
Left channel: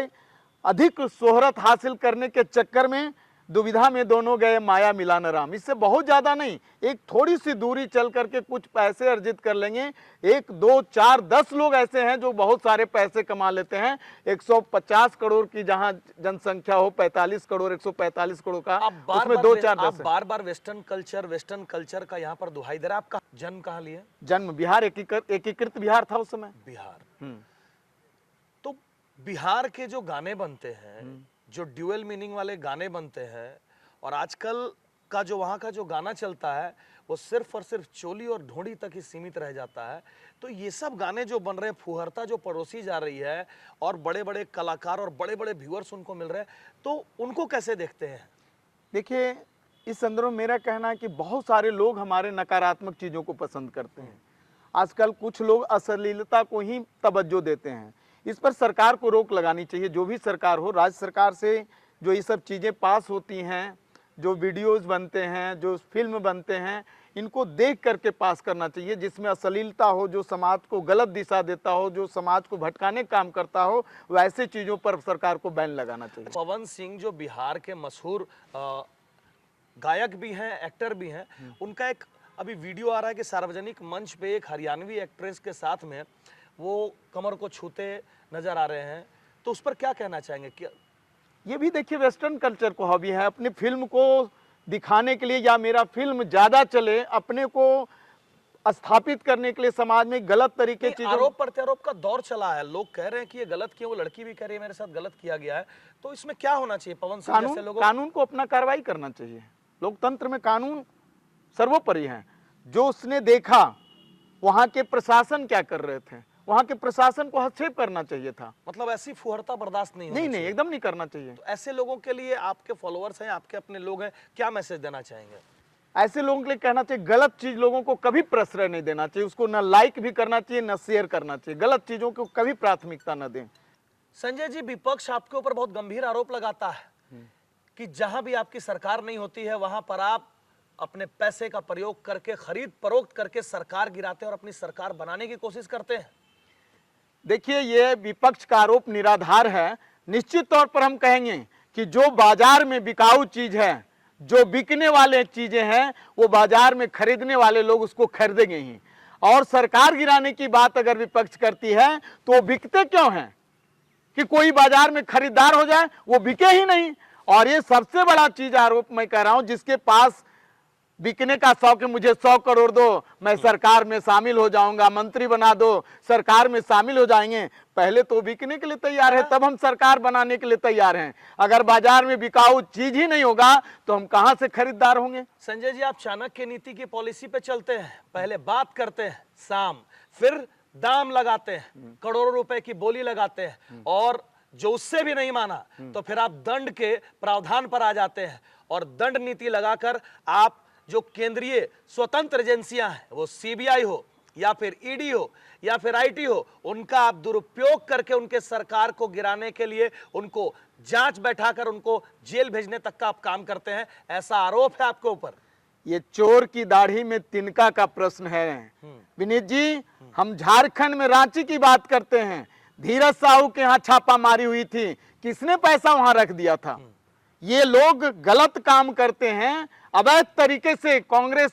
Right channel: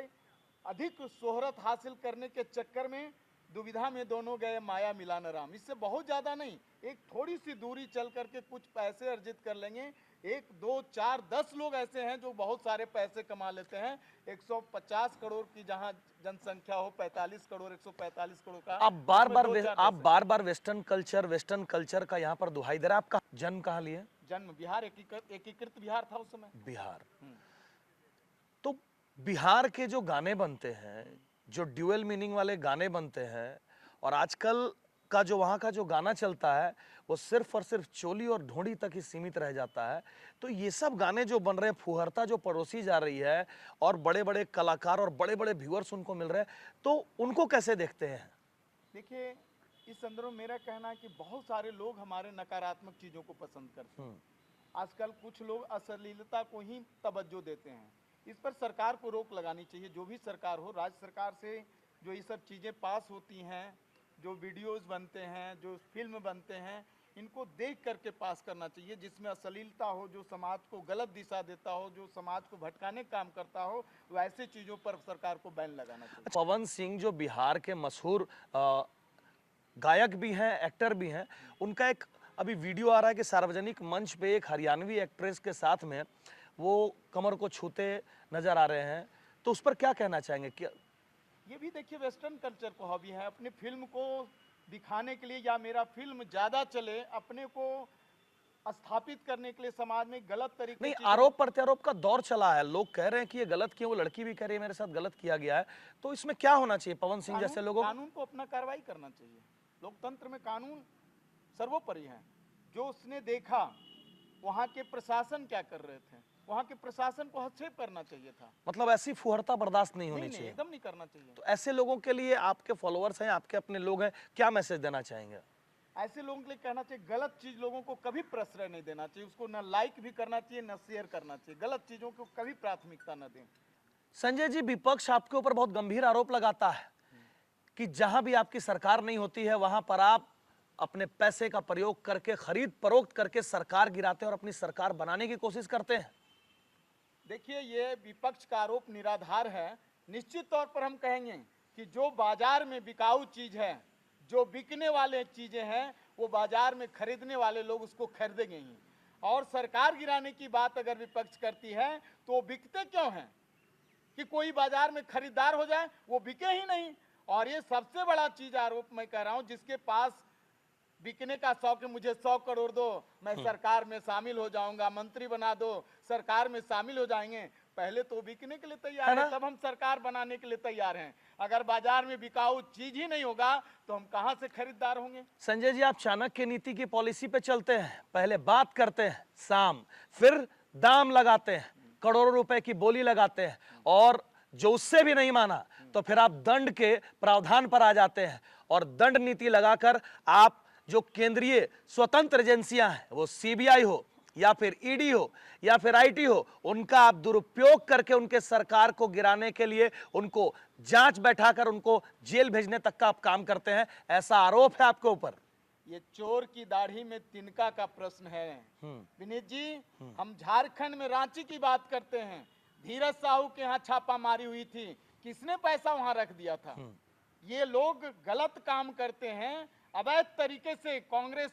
अधिक शोहरत हासिल करने के चक्कर में दुविधा में दोनों गए, माया मिला न राम। इससे बहुत ज्यादा नहीं, एक थोड़ी सी दूरी चल करके कुछ पैसे अर्जित कर लेंगे। 1, 2, 4, 10 लोग ऐसे हैं जो बहुत सारे पैसे कमा लेते हैं। 150 करोड़ की जहां जनसंख्या हो, 45 करोड़, 145 करोड़ का, आप बार बार वेस्टर्न कल्चर का यहाँ पर दुहाई दे रहे हैं। आपका जन्म कहाँ लिए? जन्म बिहार, एकीकृत बिहार था उस समय। बिहार। तो बिहार के जो गाने बनते हैं, जो ड्यूअल मीनिंग वाले गाने बनते हैं, और आजकल का जो वहाँ का जो गाना चलता है वो सिर्फ और सिर्फ चोली और ढोंडी तक ही सीमित रह जाता है। तो ये सब गाने जो बन रहे हैं, फुहरता जो परोसी जा रही है और बड़े बड़े कलाकार और बड़े बड़े व्यूअर्स उनको मिल रहे हैं, तो उनको कैसे देखते हैं? देखिए, इस संदर्भ में मेरा कहना है कि बहुत सारे लोग हमारे नकारात्मक चीज़ों को पसंद करते हैं। आजकल कुछ लोग अश्लीलता को ही तवज्जो देते हैं। इस पर सरकार को रोक लगानी चाहिए। जो भी सरकार हो, राज्य सरकार से जो ये सब चीज़ें पास होती हैं, जो वीडियोस बनते हैं, जो फिल्म बनते हैं, इनको देख करके पास करना चाहिए। जिसमें अश्लीलता हो, जो समाज को गलत दिशा देता हो, जो समाज को भटकाने का काम करता हो, वैसे चीज़ों पर सरकार को बैन लगाना चाहिए। पवन सिंह जो बिहार के मशहूर गायक भी हैं, एक्टर भी हैं, उनका एक अभी वीडियो आ रहा है कि सार्वजनिक मंच पे एक हरियाणवी एक्ट्रेस के साथ में वो कमर को छूते नजर आ रहे हैं। तो उस पर क्या कहना चाहेंगे? क्या ये भी देखिए वेस्टर्न कल्चर को हॉबी है, अपनी फिल्म को दिखाने के लिए या मेरा फिल्म ज्यादा चले, अपने को स्थापित करने के लिए समाज में गलत तरीके से आरोप प्रत्यारोप का दौर चला है। लोग कह रहे हैं कि ये गलत किया, वो लड़की भी कह रही है मेरे साथ गलत किया गया है। तो इसमें क्या होना चाहिए पवन सिंह जैसे लोगों? कानून को अपना कार्रवाई करना चाहिए। लोकतंत्र में कानून सर्वोपरि है। जो उसने देखा, वहां के प्रशासन क्या कर रहे थे, वहां के प्रशासन को हस्तक्षेप करना चाहिए था। मतलब ऐसी फुहरता बर्दाश्त नहीं होनी नहीं, एकदम नहीं करना चाहिए। तो ऐसे लोगों के लिए, आपके फॉलोअर्स हैं, आपके अपने लोग हैं, क्या मैसेज देना चाहेंगे? ऐसे लोगों के लिए कहना चाहिए, गलत चीज लोगों को कभी प्रश्रय नहीं देना चाहिए। उसको न लाइक भी करना चाहिए, न शेयर करना चाहिए। गलत चीजों को कभी प्राथमिकता न दें। संजय जी, विपक्ष आपके ऊपर बहुत गंभीर आरोप लगाता है कि जहां भी आपकी सरकार नहीं होती है, वहां पर आप अपने पैसे का प्रयोग करके, खरीद फरोख्त करके सरकार गिराते हैं और अपनी सरकार बनाने की कोशिश करते हैं। देखिए, ये विपक्ष का आरोप निराधार है। निश्चित तौर पर हम कहेंगे कि जो बाजार में बिकाऊ चीज है, जो बिकने वाले चीजें हैं, वो बाजार में खरीदने वाले लोग उसको खरीदेंगे ही। और सरकार गिराने की बात अगर विपक्ष करती है तो वो बिकते क्यों हैं? कि कोई बाजार में खरीदार हो जाए, वो बिके ही नहीं। और ये सबसे बड़ा चीज आरोप मैं कह रहा हूं, जिसके पास बिकने का शौक है, मुझे 100 करोड़ दो, मैं सरकार में शामिल हो जाऊंगा, मंत्री बना दो, सरकार में शामिल हो जाएंगे। पहले तो बिकने के लिए तैयार है, तब हम सरकार बनाने के लिए तैयार हैं। अगर बाजार में बिकाऊ चीज ही नहीं होगा तो हम कहां से खरीदार होंगे? संजय जी, आप चाणक्य नीति की पॉलिसी पे चलते हैं। पहले बात करते हैं शाम, फिर दाम लगाते हैं, करोड़ों रुपए की बोली लगाते हैं, और जो उससे भी नहीं माना तो फिर आप दंड के प्रावधान पर आ जाते हैं। और दंड नीति लगाकर आप जो केंद्रीय स्वतंत्र एजेंसियां हैं, वो सीबीआई हो या फिर ईडी हो या फिर आईटी हो, उनका आप दुरुपयोग करके उनके सरकार को गिराने के लिए उनको जांच बैठाकर उनको जेल भेजने तक का आप काम करते हैं। ऐसा आरोप है आपके ऊपर। ये चोर की दाढ़ी में तिनका का प्रश्न है विनीत जी। हम झारखंड में रांची की बात करते हैं। धीरज साहू के यहाँ छापा मारी हुई थी, किसने पैसा वहां रख दिया था? ये लोग गलत काम करते हैं। अवैध तरीके से कांग्रेस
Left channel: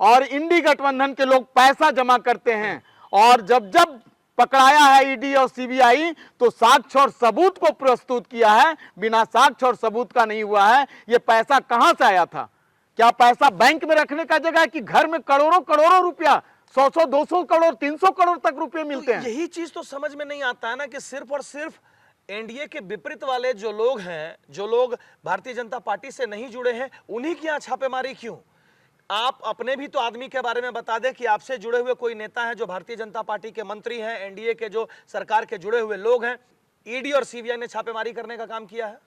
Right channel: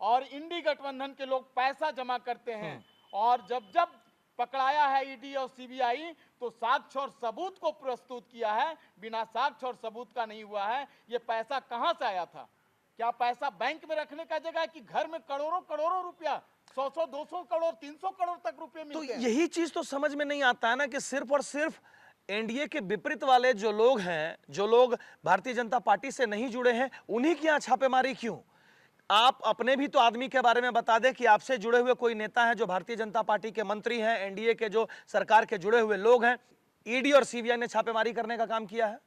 और इंडी गठबंधन के लोग पैसा जमा करते हैं, और जब जब पकड़ाया है ईडी और सीबीआई तो साक्ष्य और सबूत को प्रस्तुत किया है। बिना साक्ष्य और सबूत का नहीं हुआ है। ये पैसा कहां से आया था? क्या पैसा बैंक में रखने का जगह है कि घर में करोड़ों करोड़ों रुपया, 100 200 करोड़ 300 करोड़ तक रुपए मिलते हैं? यही चीज तो समझ में नहीं आता है ना कि सिर्फ और सिर्फ एनडीए के विपरीत वाले जो लोग हैं, जो लोग भारतीय जनता पार्टी से नहीं जुड़े हैं, उन्हीं की यहाँ छापेमारी क्यों? आप अपने भी तो आदमी के बारे में बता दें कि आपसे जुड़े हुए कोई नेता है जो भारतीय जनता पार्टी के मंत्री हैं, एनडीए के जो सरकार के जुड़े हुए लोग हैं, ईडी और सीबीआई ने छापेमारी करने का काम किया है?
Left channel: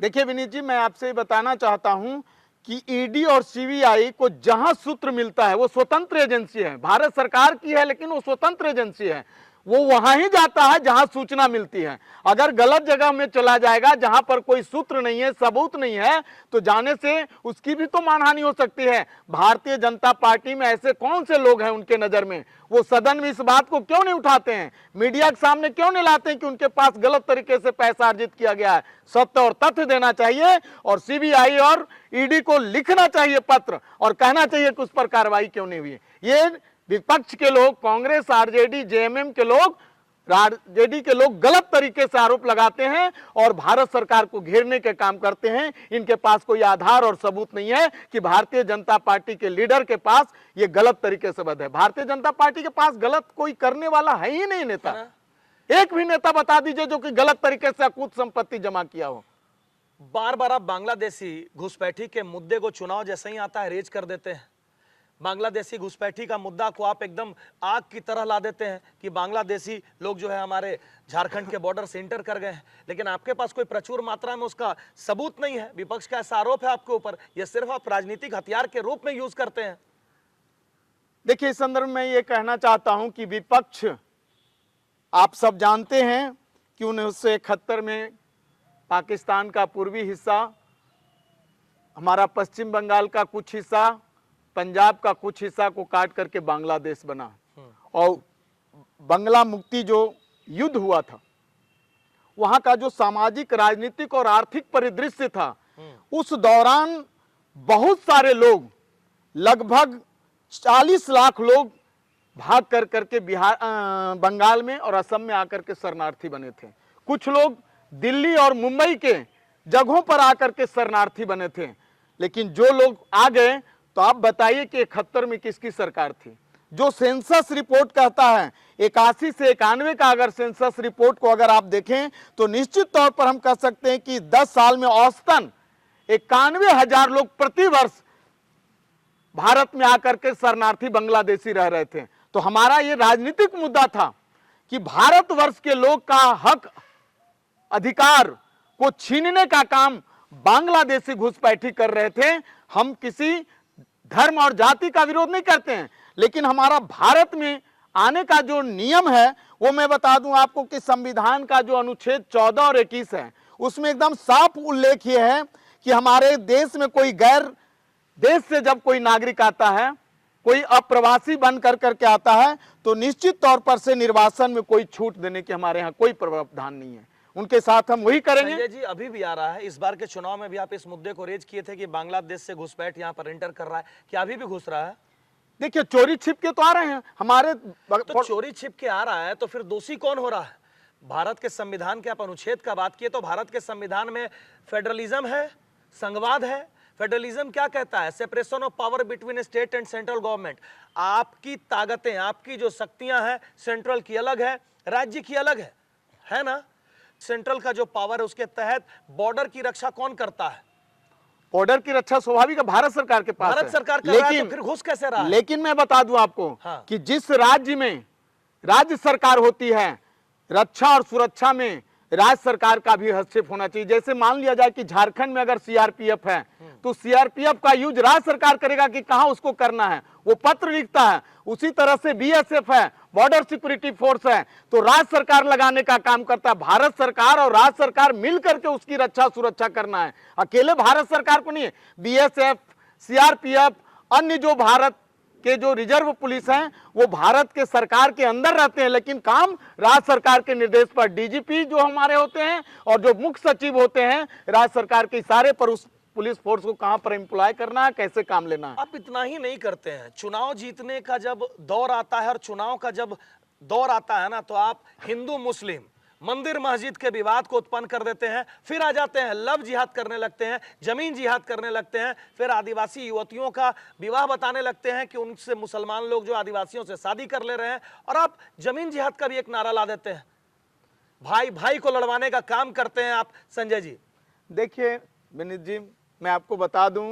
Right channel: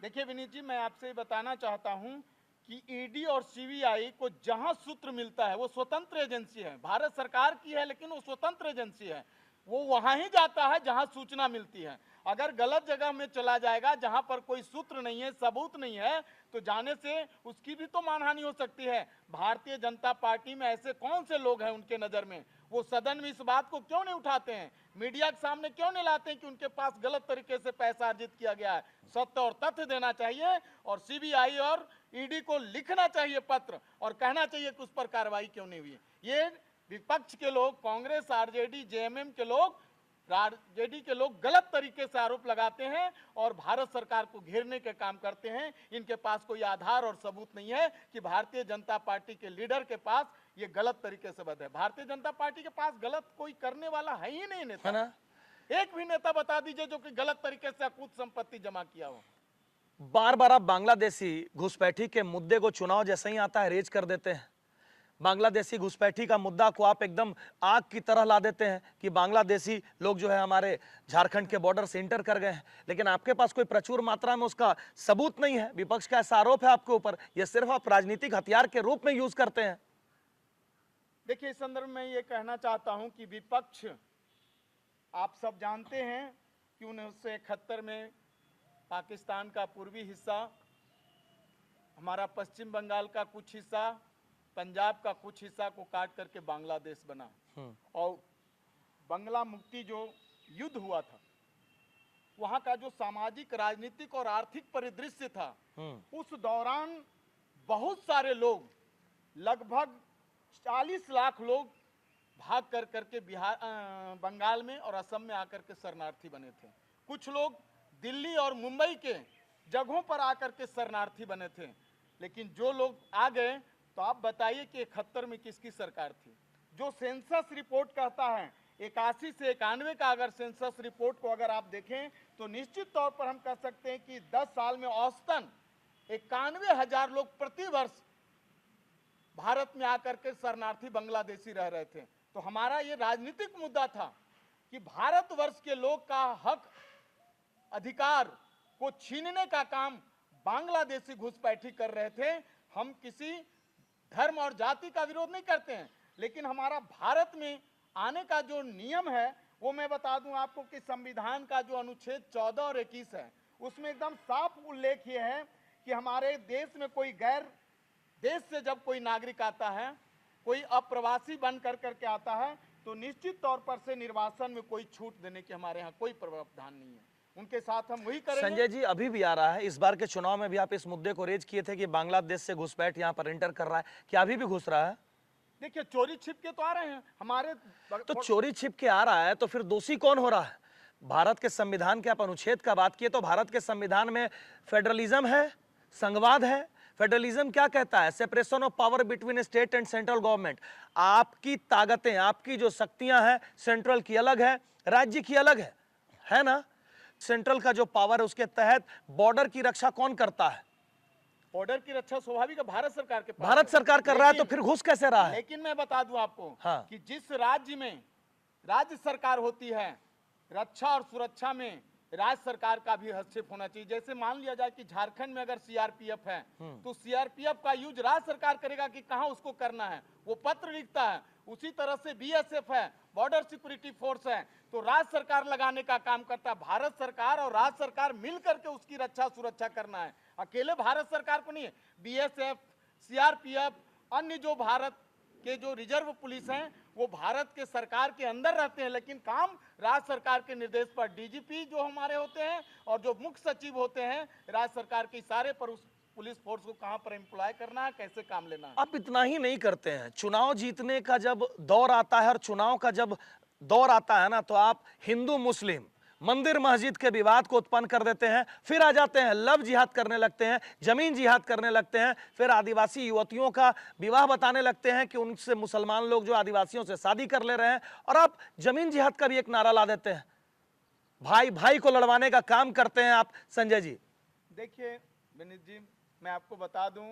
देखिए विनीत जी, मैं आपसे बताना चाहता हूं कि ईडी और सीबीआई को जहां सूत्र मिलता है वो स्वतंत्र एजेंसी है, भारत सरकार की है लेकिन वो स्वतंत्र एजेंसी है। वो वहां ही जाता है जहां सूचना मिलती है। अगर गलत जगह में चला जाएगा जहां पर कोई सूत्र नहीं है, सबूत नहीं है, तो जाने से उसकी भी तो मानहानि हो सकती है। भारतीय जनता पार्टी में ऐसे कौन से लोग हैं उनके नजर में, वो सदन में इस बात को क्यों नहीं उठाते हैं, मीडिया के सामने क्यों नहीं लाते हैं कि उनके पास गलत तरीके से पैसा अर्जित किया गया है? सत्य और तथ्य देना चाहिए और सीबीआई और ईडी को लिखना चाहिए पत्र और कहना चाहिए कि उस पर कार्रवाई क्यों नहीं हुई। ये विपक्ष के लोग, कांग्रेस, आरजेडी, जेएमएम के लोग, आरजेडी के लोग गलत तरीके से आरोप लगाते हैं और भारत सरकार को घेरने के काम करते हैं। इनके पास कोई आधार और सबूत नहीं है कि भारतीय जनता पार्टी के लीडर के पास ये गलत तरीके से बध है। भारतीय जनता पार्टी के पास गलत कोई करने वाला है ही नहीं नेता। एक भी नेता बता दीजिए जो कि गलत तरीके से अकूत संपत्ति जमा किया हो। बार बार आप बांग्लादेशी घुसपैठी के मुद्दे को चुनाव जैसे ही आता है रेज कर देते हैं। बांग्लादेशी घुसपैठी का मुद्दा को आप एकदम आग की तरह ला देते हैं कि बांग्लादेशी लोग जो है हमारे झारखंड के बॉर्डर से इंटर कर गए हैं, लेकिन आपके पास कोई प्रचुर मात्रा में उसका सबूत नहीं है। विपक्ष का ऐसा आरोप है आपके ऊपर, यह सिर्फ आप राजनीतिक हथियार के रूप में यूज करते हैं। देखिए, इस संदर्भ में ये कहना चाहता हूं कि विपक्ष, आप सब जानते हैं कि 1971 में पाकिस्तान का पूर्वी हिस्सा, हमारा पश्चिम बंगाल का कुछ हिस्सा, पंजाब का कुछ हिस्सा को काट करके बांग्लादेश बना और बंगला मुक्ति जो युद्ध हुआ था, वहां का जो सामाजिक, राजनीतिक और आर्थिक परिदृश्य था, उस दौरान बहुत सारे लोग, लगभग 40 लाख लोग भाग कर करके बिहार, बंगाल में और असम में आकर के शरणार्थी बने थे। कुछ लोग दिल्ली और मुंबई के जगहों पर आकर के शरणार्थी बने थे। लेकिन जो लोग आ गए, तो आप बताइए कि 71 में किसकी सरकार थी? जो सेंसस रिपोर्ट कहता है 81 से 91 का अगर सेंसस रिपोर्ट को अगर आप देखें तो निश्चित तौर पर हम कह सकते हैं कि 10 साल में औसतन 91,000 लोग प्रति वर्ष भारत में आकर के शरणार्थी बांग्लादेशी रह रहे थे। तो हमारा ये राजनीतिक मुद्दा था कि भारतवर्ष के लोग का हक, अधिकार को छीनने का काम बांग्लादेशी घुसपैठी कर रहे थे। हम किसी धर्म और जाति का विरोध नहीं करते हैं, लेकिन हमारा भारत में आने का जो नियम है वो मैं बता दूं आपको कि संविधान का जो अनुच्छेद 14 और 21 है, उसमें एकदम साफ उल्लेख ये है कि हमारे देश में कोई गैर देश से जब कोई नागरिक आता है, कोई अप्रवासी बन कर करके आता है, तो निश्चित तौर पर से निर्वासन में कोई छूट देने की हमारे यहाँ कोई प्रावधान नहीं है। उनके साथ हम वही करेंगे। संजय जी, अभी भी आ रहा है, इस बार के चुनाव में भी आप इस मुद्दे को रेज किए थे कि बांग्लादेश से घुसपैठ यहाँ पर एंटर कर रहा है, क्या अभी भी घुस रहा है? देखिए, चोरी छिप के तो आ रहे हैं हमारे। तो चोरी छिप के आ रहा है तो फिर दोषी कौन हो रहा है? भारत के संविधान के आप अनुच्छेद का बात किए तो भारत के संविधान में फेडरलिज्म है, संघवाद है। फेडरलिज्म क्या कहता है? Separation of power between state and central government. आपकी ताकतें, आपकी जो शक्तियां हैं, सेंट्रल की अलग है, राज्य की अलग है ना? सेंट्रल का जो पावर है उसके तहत बॉर्डर की रक्षा कौन करता है? बॉर्डर की रक्षा स्वाभाविक भारत सरकार के पास भारत सरकार कर रहा है, तो फिर घुस कैसे रहा है? लेकिन मैं बता दूं आपको कि जिस राज्य में राज्य सरकार होती है, रक्षा और सुरक्षा में राज्य सरकार का भी हस्तक्षेप होना चाहिए। जैसे मान लिया जाए कि झारखंड में अगर सीआरपीएफ है, तो सीआरपीएफ का यूज राज्य सरकार करेगा कि कहां उसको करना है, वो पत्र लिखता है। उसी तरह से बीएसएफ है, बॉर्डर सिक्योरिटी फोर्स है, तो राज्य सरकार लगाने का काम करता है। भारत सरकार और राज्य सरकार मिलकर के उसकी रक्षा सुरक्षा करना है, अकेले भारत सरकार को नहीं है। बीएसएफ, सीआरपीएफ, अन्य जो भारत के जो रिजर्व पुलिस हैं, वो भारत के सरकार के अंदर रहते हैं, लेकिन काम राज्य सरकार के निर्देश पर डीजीपी जो हमारे होते हैं और जो मुख्य सचिव होते हैं, राज्य सरकार के इशारे पर उस पुलिस फोर्स को कहां पर एम्प्लॉय करना है, कैसे काम लेना है। आप इतना ही नहीं करते हैं, चुनाव जीतने का जब दौर आता है और चुनाव का जब दौर आता है ना, तो आप हिंदू मुस्लिम, मंदिर मस्जिद के विवाद को उत्पन्न कर देते हैं, फिर आ जाते हैं लव जिहाद करने लगते हैं, जमीन जिहाद करने लगते हैं, फिर आदिवासी युवतियों का विवाह बताने लगते हैं कि उनसे मुसलमान लोग जो आदिवासियों से शादी कर ले रहे हैं, और आप जमीन जिहाद का भी एक नारा ला देते हैं। भाई भाई को लड़वाने का काम करते हैं आप संजय जी। देखिए विनीत जी, मैं आपको बता दूं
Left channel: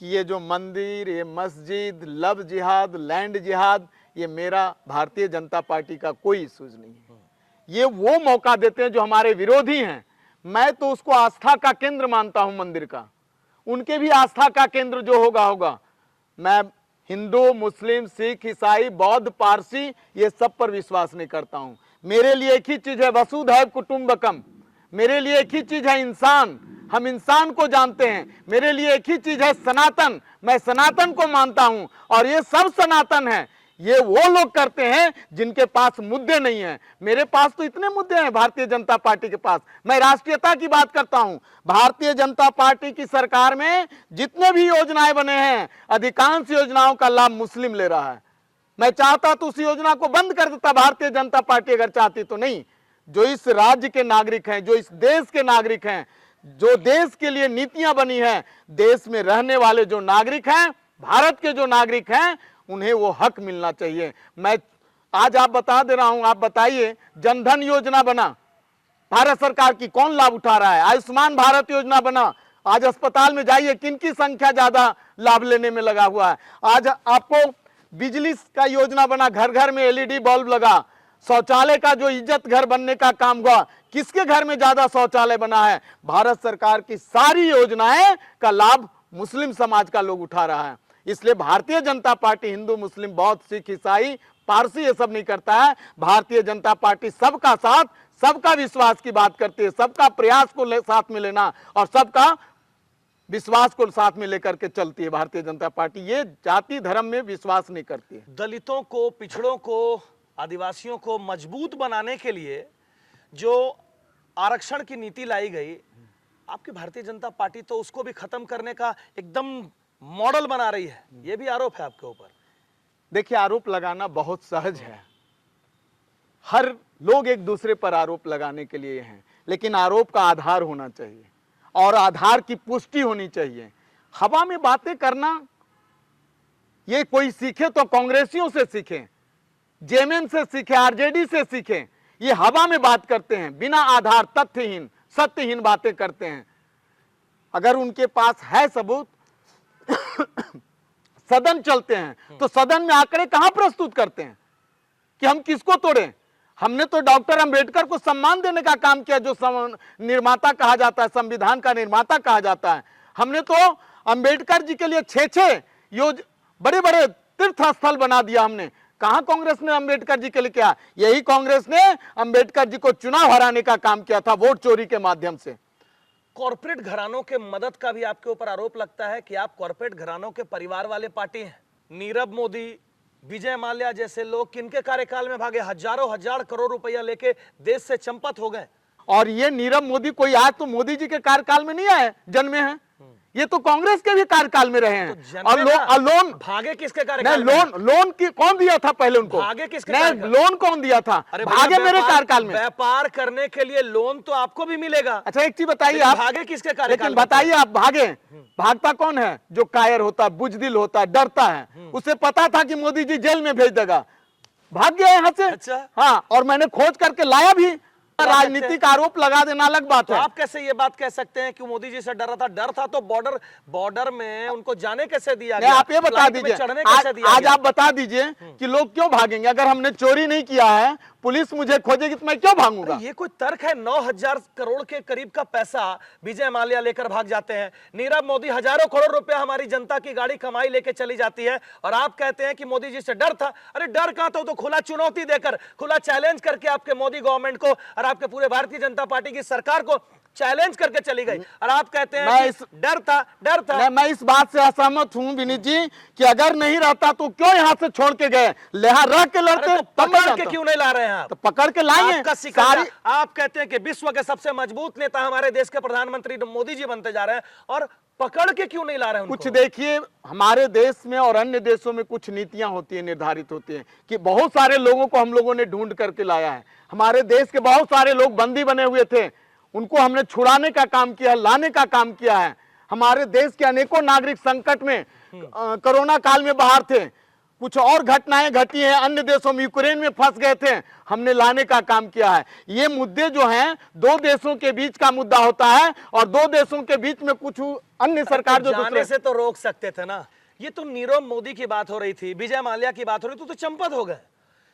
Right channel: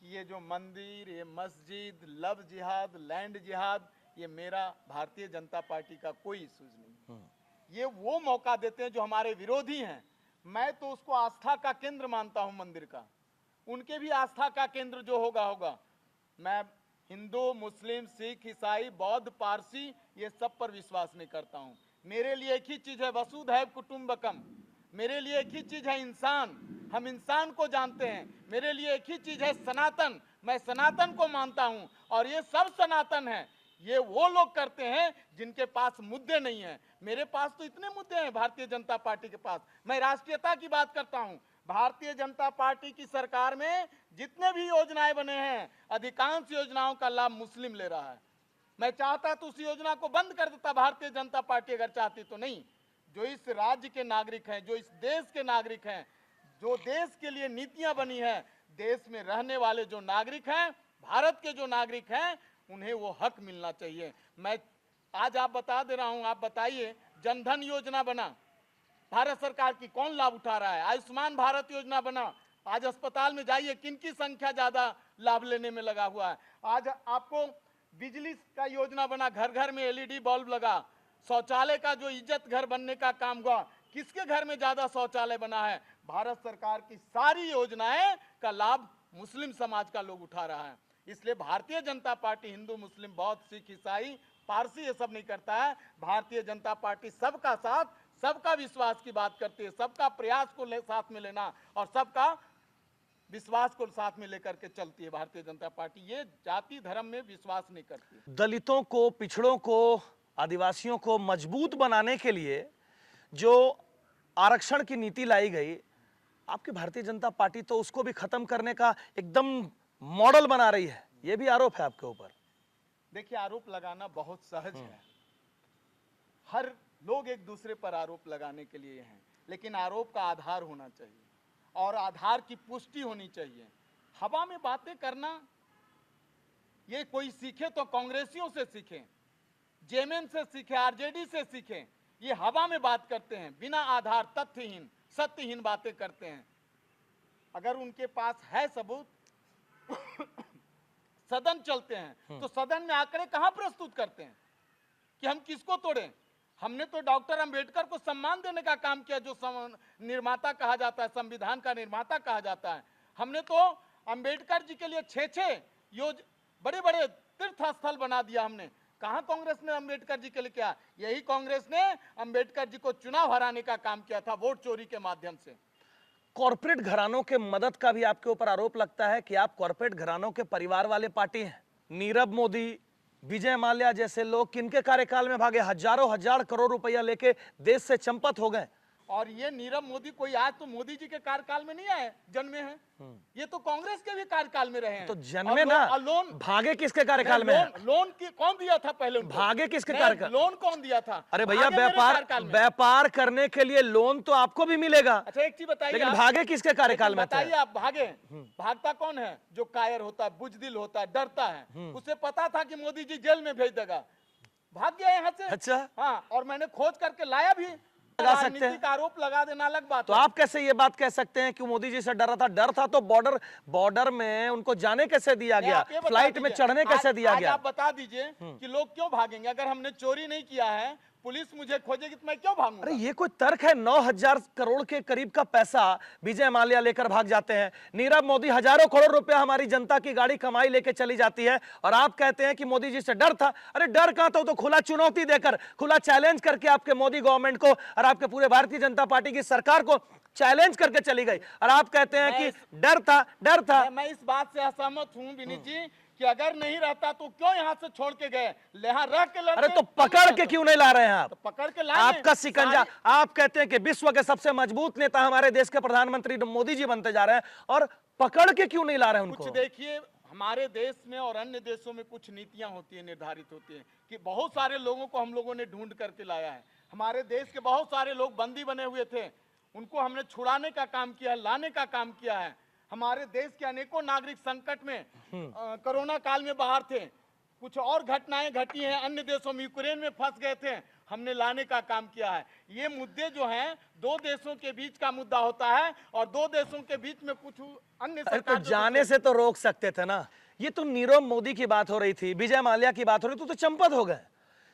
कि ये जो मंदिर, ये मस्जिद, लव जिहाद, लैंड जिहाद, ये मेरा भारतीय जनता पार्टी का कोई इश्यूज नहीं है। ये वो मौका देते हैं जो हमारे विरोधी हैं। मैं तो उसको आस्था का केंद्र मानता हूं मंदिर का, उनके भी आस्था का केंद्र जो होगा। मैं हिंदू, मुस्लिम, सिख, ईसाई, बौद्ध, पारसी ये सब पर विश्वास नहीं करता हूं। मेरे लिए एक ही चीज है, वसुधैव कुटुंबकम। मेरे लिए एक ही चीज है, इंसान। हम इंसान को जानते हैं। मेरे लिए एक ही चीज है, सनातन। मैं सनातन को मानता हूं और ये सब सनातन है। ये वो लोग करते हैं जिनके पास मुद्दे नहीं है। मेरे पास तो इतने मुद्दे हैं भारतीय जनता पार्टी के पास। मैं राष्ट्रीयता की बात करता हूं। भारतीय जनता पार्टी की सरकार में जितने भी योजनाएं बने हैं, अधिकांश योजनाओं का लाभ मुस्लिम ले रहा है। मैं चाहता तो उस योजना को बंद कर देता भारतीय जनता पार्टी, अगर चाहती तो। नहीं, जो इस राज्य के नागरिक हैं, जो इस देश के नागरिक हैं, जो देश के लिए नीतियां बनी हैं, देश में रहने वाले जो नागरिक हैं, भारत के जो नागरिक हैं, उन्हें वो हक मिलना चाहिए। मैं आज आप बता दे रहा हूं, आप बताइए, जनधन योजना बना, भारत सरकार की, कौन लाभ उठा रहा है? आयुष्मान भारत योजना बना, आज अस्पताल में जाइए, किनकी संख्या ज्यादा लाभ लेने में लगा हुआ है? आज आपको बिजली का योजना बना, घर घर में एलईडी बल्ब लगा। शौचालय का जो इज्जत घर बनने का काम हुआ, किसके घर में ज्यादा शौचालय बना है? भारत सरकार की सारी योजनाएं का लाभ मुस्लिम समाज का लोग उठा रहा है। इसलिए भारतीय जनता पार्टी हिंदू, मुस्लिम, बौद्ध, सिख, ईसाई, पारसी ये सब नहीं करता है। भारतीय जनता पार्टी सबका साथ, सबका विश्वास की बात करती है। सबका प्रयास को साथ में लेना और सबका विश्वास को साथ में लेकर के चलती है भारतीय जनता पार्टी। ये जाति धर्म में विश्वास नहीं करती है। दलितों को, पिछड़ों को, आदिवासियों को मजबूत बनाने के लिए जो आरक्षण की नीति लाई गई, आपकी भारतीय जनता पार्टी तो उसको भी खत्म करने का एकदम मॉडल बना रही है। यह भी आरोप है आपके ऊपर। देखिए, आरोप लगाना बहुत सहज है। हर लोग एक दूसरे पर आरोप लगाने के लिए हैं, लेकिन आरोप का आधार होना चाहिए और आधार की पुष्टि होनी चाहिए। हवा में बातें करना, ये कोई सीखे तो कांग्रेसियों से सीखे, जेएमएम से सीखे, आरजेडी से सीखे। ये हवा में बात करते हैं, बिना आधार, तथ्यहीन, सत्यहीन बातें करते हैं। अगर उनके पास है सबूत, सदन चलते हैं तो सदन में आंकड़े कहां प्रस्तुत करते हैं कि हम किसको तोड़ें? हमने तो डॉक्टर अंबेडकर को सम्मान देने का काम किया, जो निर्माता कहा जाता है, संविधान का निर्माता कहा जाता है। हमने तो अंबेडकर जी के लिए 6 बड़े बड़े तीर्थ स्थल बना दिया हमने। कहां कांग्रेस ने अंबेडकर जी के लिए किया? यही कांग्रेस ने अंबेडकर जी को चुनाव हराने का काम किया था, वोट चोरी के माध्यम से। कॉर्पोरेट घरानों के मदद का भी आपके ऊपर आरोप लगता है कि आप कॉर्पोरेट घरानों के परिवार वाले पार्टी हैं। नीरव मोदी, विजय माल्या जैसे लोग किनके कार्यकाल में भागे? हजारों हजार करोड़ रुपया लेके देश से चंपत हो गए। और ये नीरव मोदी कोई आज तो मोदी जी के कार्यकाल में नहीं आए, जन्मे हैं। ये तो कांग्रेस के भी कार्यकाल में रहे हैं। तो और लोन भागे किसके कार्यकाल में? लोन की कौन दिया था पहले उनको? भागे किसके कार्यकाल? लोन कौन दिया था? अरे भागे मेरे कार्यकाल में। व्यापार करने के लिए लोन तो आपको भी मिलेगा। अच्छा, एक चीज बताइए लेकिन आप, भागे किसके कार्यकाल में? बताइए आप, भागे भागता कौन है? जो कायर होता है, बुजदिल होता है, डरता है। उसे पता था कि मोदी जी जेल में भेज देगा, भाग गया यहाँ से। अच्छा, हाँ, और मैंने खोज करके लाया भी। राजनीतिक आरोप लगा देना अलग बात तो है। आप कैसे ये बात कह सकते हैं कि मोदी जी से डरा था? डर था तो बॉर्डर में उनको जाने कैसे दिया गया? आप ये बता फ्लाइट में दीजिए, चढ़ने कैसे दिया आज गया? आप बता दीजिए कि लोग क्यों भागेंगे? अगर हमने चोरी नहीं किया है, पुलिस मुझे खोजेगी तो मैं क्यों भागूंगा? अरे ये कोई तर्क है? 9,000 करोड़ के करीब का पैसा विजय माल्या लेकर भाग जाते हैं। नीरव मोदी हजारों करोड़ रुपया हमारी जनता की गाड़ी कमाई लेके चली जाती है, और आप कहते हैं कि मोदी जी से डर था। अरे डर कहां था? तो खुला चुनौती देकर, खुला चैलेंज करके आपके मोदी गवर्नमेंट को और आपके पूरे भारतीय जनता पार्टी की सरकार को चैलेंज करके चली गई, और आप कहते हैं कि डर था। मैं इस बात से असहमत हूं विनीत जी कि अगर नहीं रहता तो क्यों यहां से छोड़ के गए? लेहा रह के लड़ते। अरे तो पकड़ के क्यों नहीं ला रहे हैं आप? तो पकड़ के लाएंगे। आपका शिकंजा। आप कहते हैं कि विश्व के सबसे मजबूत नेता हमारे देश के प्रधानमंत्री मोदी जी बनते जा रहे हैं, और पकड़ के क्यों नहीं ला रहे हैं उनको? कुछ देखिए, हमारे देश में और अन्य देशों में कुछ नीतियां होती है, निर्धारित होती है कि बहुत सारे लोगों को हम लोगों ने ढूंढ करके लाया है। हमारे देश के बहुत सारे लोग बंदी बने हुए थे, उनको हमने छुड़ाने का काम किया है, लाने का काम किया है। हमारे देश के अनेकों नागरिक संकट में कोरोना काल में बाहर थे, कुछ और घटनाएं घटी हैं, अन्य देशों में, यूक्रेन में फंस गए थे, हमने लाने का काम किया है। ये मुद्दे जो हैं दो देशों के बीच का मुद्दा होता है और दो देशों के बीच में कुछ अन्य सरकार तो जाने से तो रोक सकते थे ना। ये तो नीरव मोदी की बात हो रही थी, विजय माल्या की बात हो रही थी, तो चंपत हो गए।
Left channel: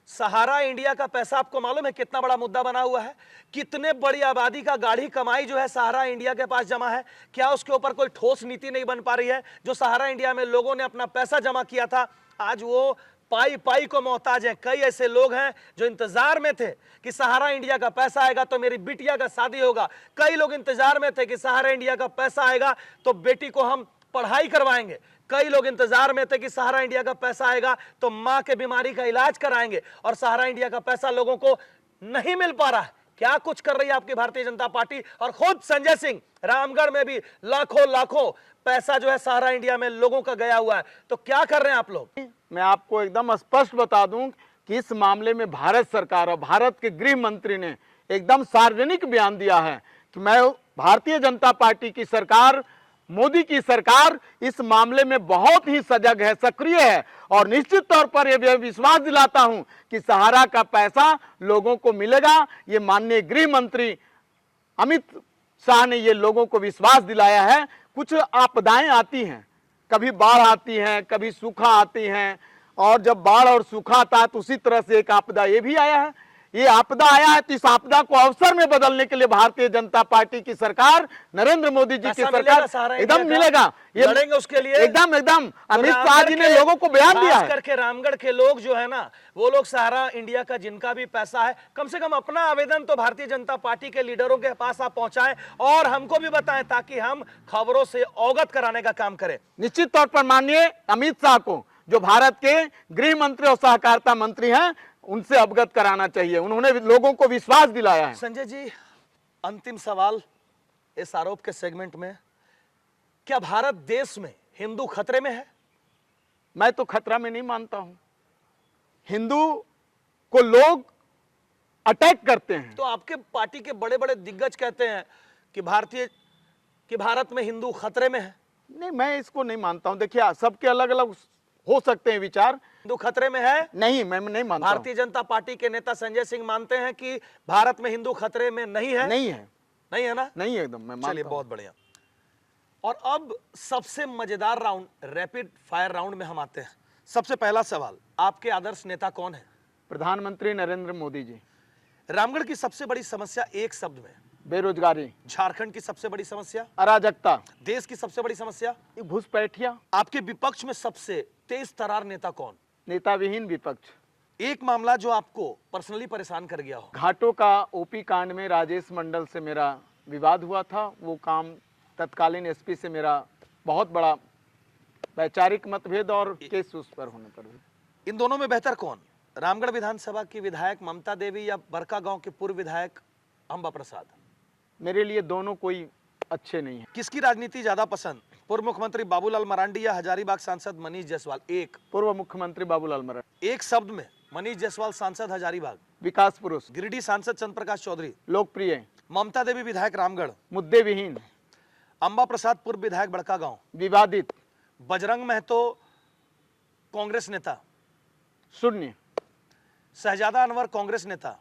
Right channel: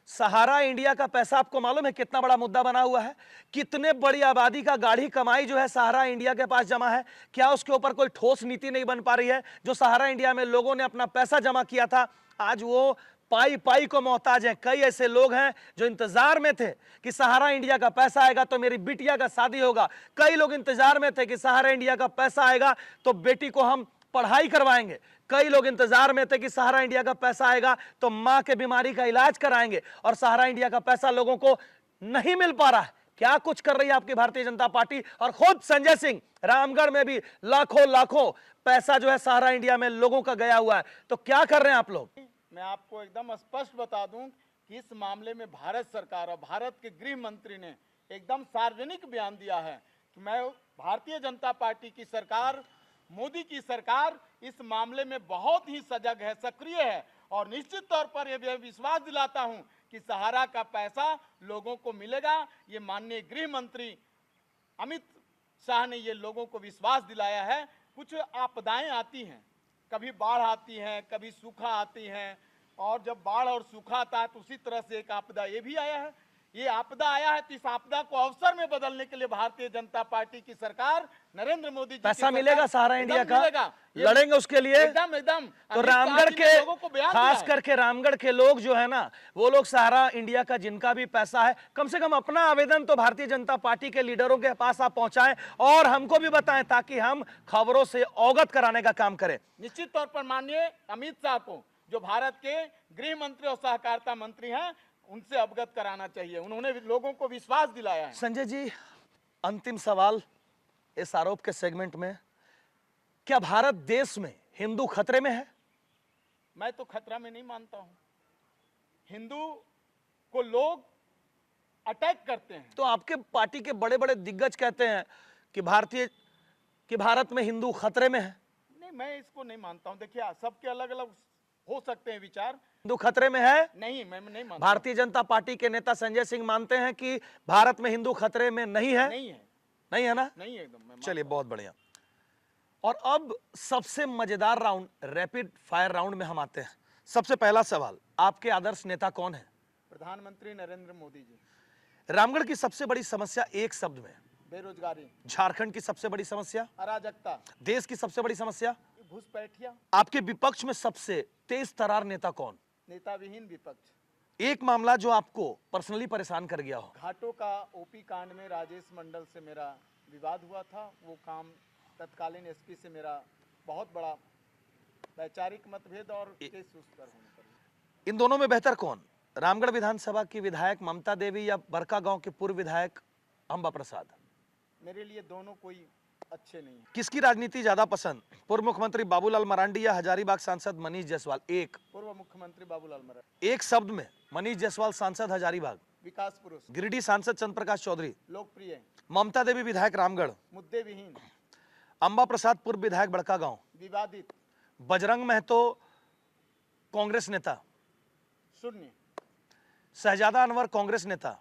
सहारा इंडिया का पैसा आपको मालूम है कितना बड़ा मुद्दा बना हुआ है? कितने बड़ी आबादी का गाढ़ी कमाई जो है सहारा इंडिया के पास जमा है। क्या उसके ऊपर कोई ठोस नीति नहीं बन पा रही है? जो सहारा इंडिया में लोगों ने अपना पैसा जमा किया था, आज वो पाई पाई को मोहताज हैं। कई ऐसे लोग हैं जो इंतजार में थे कि सहारा इंडिया का पैसा आएगा तो मेरी बिटिया का शादी होगा। कई लोग इंतजार में थे कि सहारा इंडिया का पैसा आएगा तो बेटी को हम पढ़ाई करवाएंगे। कई लोग इंतजार में थे कि सहारा इंडिया का पैसा आएगा तो मां के बीमारी का इलाज कराएंगे, और सहारा इंडिया का पैसा लोगों को नहीं मिल पा रहा है। क्या कुछ कर रही है आपकी भारतीय जनता पार्टी? और खुद संजय सिंह रामगढ़ में भी लाखों लाखों पैसा जो है सहारा इंडिया में लोगों का गया हुआ है। तो क्या कर रहे हैं आप लोग? मैं आपको एकदम स्पष्ट बता दूं कि इस मामले में भारत सरकार और भारत के गृह मंत्री ने एकदम सार्वजनिक बयान दिया है कि मैं भारतीय जनता पार्टी की सरकार, मोदी की सरकार इस मामले में बहुत ही सजग है, सक्रिय है, और निश्चित तौर पर यह विश्वास दिलाता हूं कि सहारा का पैसा लोगों को मिलेगा। ये माननीय गृह मंत्री अमित शाह ने ये लोगों को विश्वास दिलाया है। कुछ आपदाएं आती हैं, कभी बाढ़ आती है, कभी सूखा आती है, और जब बाढ़ और सूखा आता है तो उसी तरह से एक आपदा ये भी आया है। ये आपदा आया है तो इस आपदा को अवसर में बदलने के लिए भारतीय जनता पार्टी की सरकार, नरेंद्र मोदी जी की मिलेगा, सरकार एकदम मिलेगा। ये लड़ेंगे उसके लिए एकदम एकदम तो अमित शाह जी ने लोगों को बयान दिया खास है। करके रामगढ़ के लोग जो है ना, वो लोग सहारा इंडिया का जिनका भी पैसा है, कम से कम अपना आवेदन तो भारतीय जनता पार्टी के लीडरों के पास आप पहुंचाएं और हमको भी बताएं, ताकि हम खबरों से अवगत कराने का काम करें। निश्चित तौर पर माननीय अमित शाह को, जो भारत के गृह मंत्री और सहकारिता मंत्री हैं, उनसे अवगत कराना चाहिए। उन्होंने लोगों को विश्वास दिलाया है। संजय जी, अंतिम सवाल इस आरोप के सेगमेंट में, क्या भारत देश में हिंदू खतरे में है? मैं तो खतरा में नहीं मानता हूं। हिंदू को लोग अटैक करते हैं। तो आपके पार्टी के बड़े बड़े दिग्गज कहते हैं कि भारत में हिंदू खतरे में है। नहीं, मैं इसको नहीं मानता हूं। देखिए, सबके अलग अलग हो सकते हैं विचार। हिंदू खतरे में है? नहीं, मैं नहीं मानता। भारतीय जनता पार्टी के नेता संजय सिंह मानते हैं कि भारत में हिंदू खतरे में नहीं है। नहीं है, नहीं है ना? नहीं है एकदम। मैं चलिए, बहुत बढ़िया। और अब सबसे मजेदार राउंड, रैपिड फायर राउंड में हम आते हैं। सबसे पहला सवाल, आपके आदर्श नेता कौन है? प्रधानमंत्री नरेंद्र मोदी जी। रामगढ़ की सबसे बड़ी समस्या एक शब्द में? बेरोजगारी। झारखंड की सबसे बड़ी समस्या? अराजकता। देश की सबसे बड़ी समस्या? घुसपैठिया। आपके विपक्ष में सबसे तेज तरार नेता कौन? नेता विहीन विपक्ष। एक मामला जो आपको पर्सनली परेशान कर गया हो? घाटों का ओपी कांड में राजेश मंडल से मेरा विवाद हुआ था। वो काम तत्कालीन एसपी से मेरा बहुत बड़ा वैचारिक मतभेद और केस उस पर होने पर हुआ। इन दोनों में बेहतर कौन? रामगढ़ विधानसभा की विधायक ममता देवी या बरका गांव के पूर्व विधायक अंबा प्रसाद? मेरे लिए दोनों कोई अच्छे नहीं है। किसकी राजनीति ज्यादा पसंद, पूर्व मुख्यमंत्री बाबूलाल मरांडी या हजारीबाग सांसद मनीष जायसवाल? एक। पूर्व मुख्यमंत्री बाबूलाल मरांडी। एक शब्द में, मनीष जायसवाल सांसद हजारीबाग? विकास पुरुष। गिरिडीह सांसद चंद्र प्रकाश चौधरी? लोकप्रिय। ममता देवी विधायक रामगढ़? मुद्दे विहीन। अंबा प्रसाद पूर्व विधायक बड़का गांव? विवादित। बजरंग महतो कांग्रेस नेता? शून्य। शहजादा अनवर कांग्रेस नेता?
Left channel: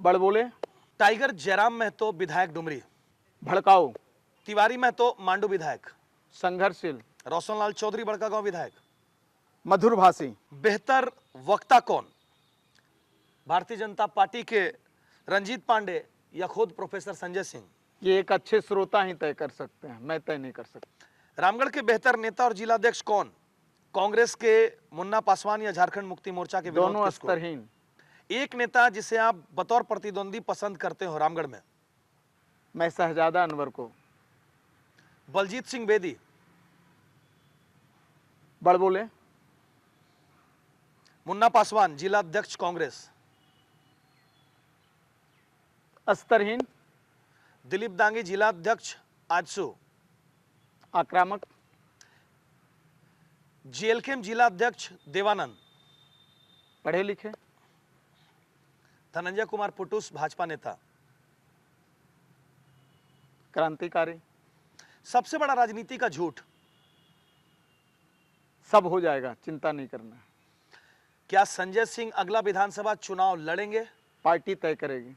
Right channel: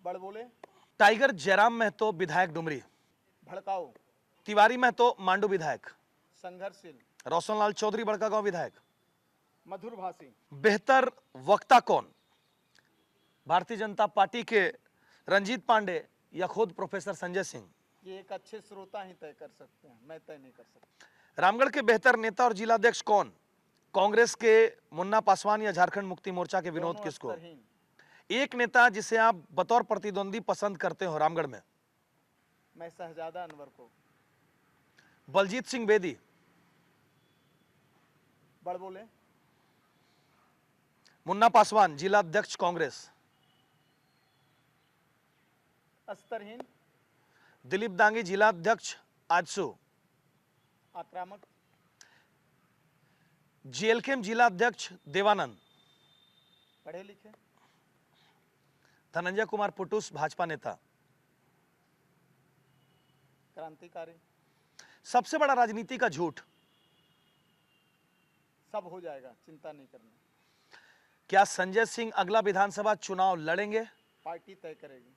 बड़बोले। टाइगर जयराम महतो विधायक डुमरी? भड़काऊ। तिवारी महतो मांडू विधायक? संघर्षशील। रोशनलाल चौधरी बड़का गांव विधायक? मधुरभाषी। बेहतर वक्ता कौन, भारतीय जनता पार्टी के रंजीत पांडे या खुद प्रोफेसर संजय सिंह? ये एक अच्छे श्रोता ही तय कर सकते हैं, मैं तय नहीं कर सकता। रामगढ़ के बेहतर नेता और जिलाध्यक्ष कौन, कांग्रेस के मुन्ना पासवान या झारखंड मुक्ति मोर्चा के विनोद किसको? स्तरहीन। एक नेता जिसे आप बतौर प्रतिद्वंदी पसंद करते हो रामगढ़ में? मैं शहजादा अनवर को। बलजीत सिंह बेदी? बड़बोले। मुन्ना पासवान जिलाध्यक्ष कांग्रेस? स्तरहीन। दिलीप दांगी जिलाध्यक्ष आजसू? आक्रामक। जेएलकेएम जिलाध्यक्ष देवानंद? पढ़े लिखे। धनंजय कुमार पुटुस भाजपा नेता? क्रांतिकारी। सबसे बड़ा राजनीति का झूठ? सब हो जाएगा, चिंता नहीं करना। क्या संजय सिंह अगला विधानसभा चुनाव लड़ेंगे? पार्टी तय करेगी।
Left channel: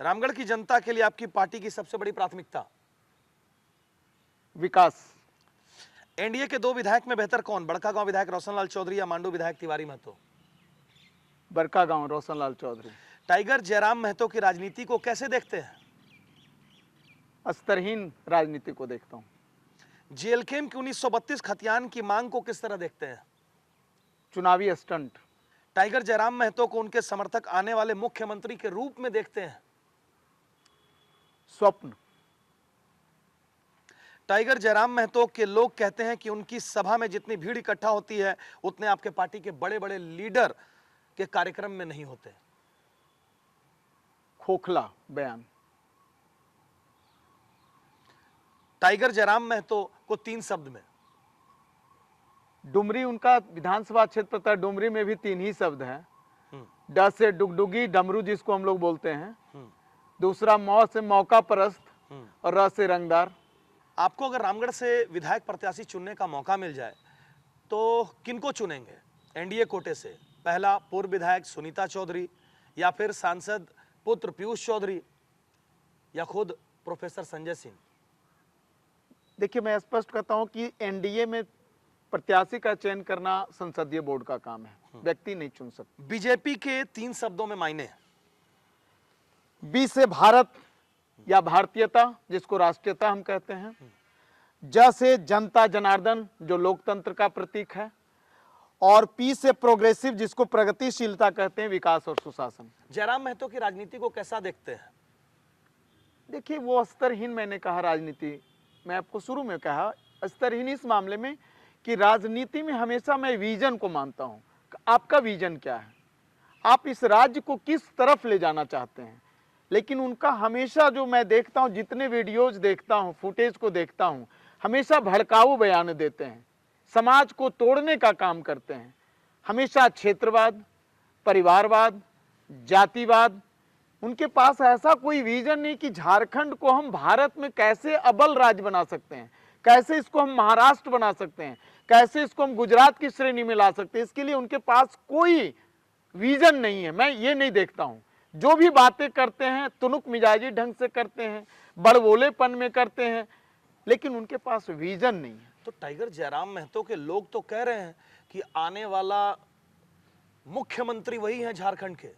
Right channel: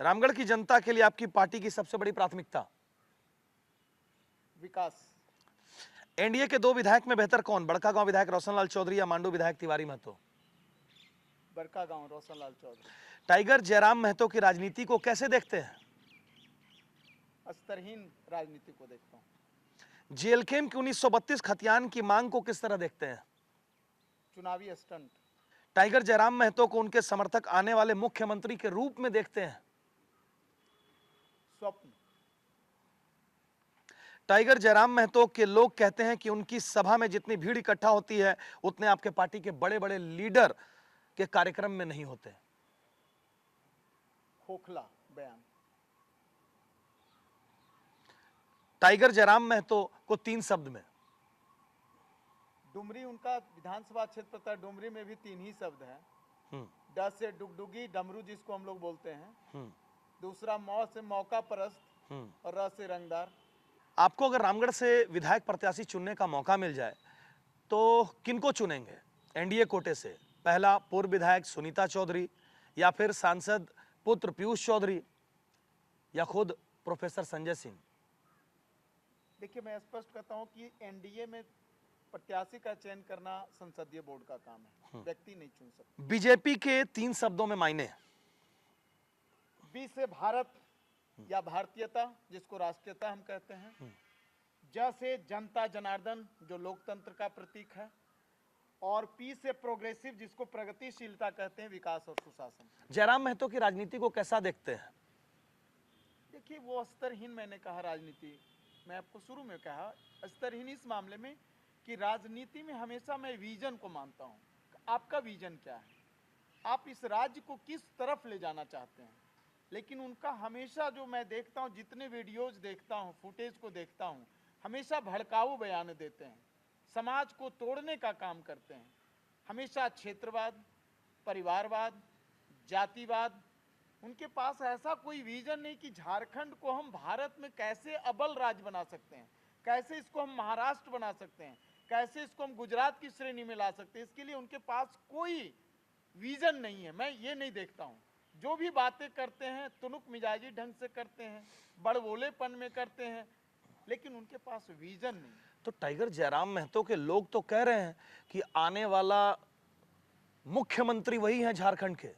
रामगढ़ की जनता के लिए आपकी पार्टी की सबसे बड़ी प्राथमिकता? विकास। एनडीए के 2 विधायक में बेहतर कौन, बड़कागांव विधायक रोशनलाल चौधरी या मांडू विधायक तिवारी महतो? बड़कागांव रोशनलाल चौधरी। टाइगर जयराम महतो की राजनीति को कैसे देखते हैं? स्तरहीन राजनीति को देखता हूं। जेएलकेम की 1932 खतियान की मांग को किस तरह देखते हैं? चुनावी स्टंट। टाइगर जयराम महतो को उनके समर्थक आने वाले मुख्यमंत्री के रूप में देखते हैं? स्वप्न। टाइगर जयराम महतो के लोग कहते हैं कि उनकी सभा में जितनी भीड़ इकट्ठा होती है उतने आपके पार्टी के बड़े बड़े लीडर के कार्यक्रम में नहीं होते। खोखला बयान। टाइगर जयराम महतो को 3 शब्द में। डुमरी उनका विधानसभा क्षेत्र था, डुमरी में भी 3 ही शब्द हैं। ड से डुगडुगी डमरू जिसको हम लोग बोलते हैं, दूसरा मौ से मौका परस्त और र से रंगदार। आपको अगर रामगढ़ से विधायक प्रत्याशी चुनने का मौका मिल जाए तो किनको चुनेंगे? एनडीए कोटे से पहला पूर्व विधायक सुनीता चौधरी, या फिर सांसद पुत्र पीयूष चौधरी, या खुद प्रोफेसर संजय सिंह? देखिए, मैं स्पष्ट कहता हूं कि एनडीए में प्रत्याशी का चयन करना संसदीय बोर्ड का काम है, व्यक्ति नहीं चुन सकते। बीजेपी के 3 शब्दों में मायने? बी से भारत या भारतीयता जिसको राष्ट्रीयता हम कहते हैं, ज से जनता जनार्दन जो लोकतंत्र का प्रतीक है, और पी से प्रोग्रेसिव जिसको प्रगतिशीलता कहते हैं, विकास और सुशासन। जयराम महतो की राजनीति को कैसा देखते हैं? देखिए, वो स्तरहीन, मैंने कहा राजनीति, मैं आपको शुरू में कहा स्तरहीन इस मामले में कि राजनीति में हमेशा मैं विजन को मानता हूं। आपका विजन क्या है, आप इस राज्य को किस तरफ ले जाना चाहते हैं। लेकिन उनका हमेशा जो मैं देखता हूं, जितने वीडियोज देखता हूं, फुटेज को देखता हूं, हमेशा भड़काऊ बयान देते हैं, समाज को तोड़ने का काम करते हैं। हमेशा क्षेत्रवाद, परिवारवाद, जातिवाद, उनके पास ऐसा कोई विजन नहीं कि झारखंड को हम भारत में कैसे अव्वल राज्य बना सकते हैं, कैसे इसको हम महाराष्ट्र बना सकते हैं, कैसे इसको हम गुजरात की श्रेणी में ला सकते हैं। इसके लिए उनके पास कोई विजन नहीं है, मैं ये नहीं देखता हूं। जो भी बातें करते हैं तुनुक मिजाजी ढंग से करते हैं, बड़बोलेपन में करते हैं, लेकिन उनके पास विजन नहीं है। तो टाइगर जयराम महतो के लोग तो कह रहे हैं कि आने वाला मुख्यमंत्री वही है झारखंड के।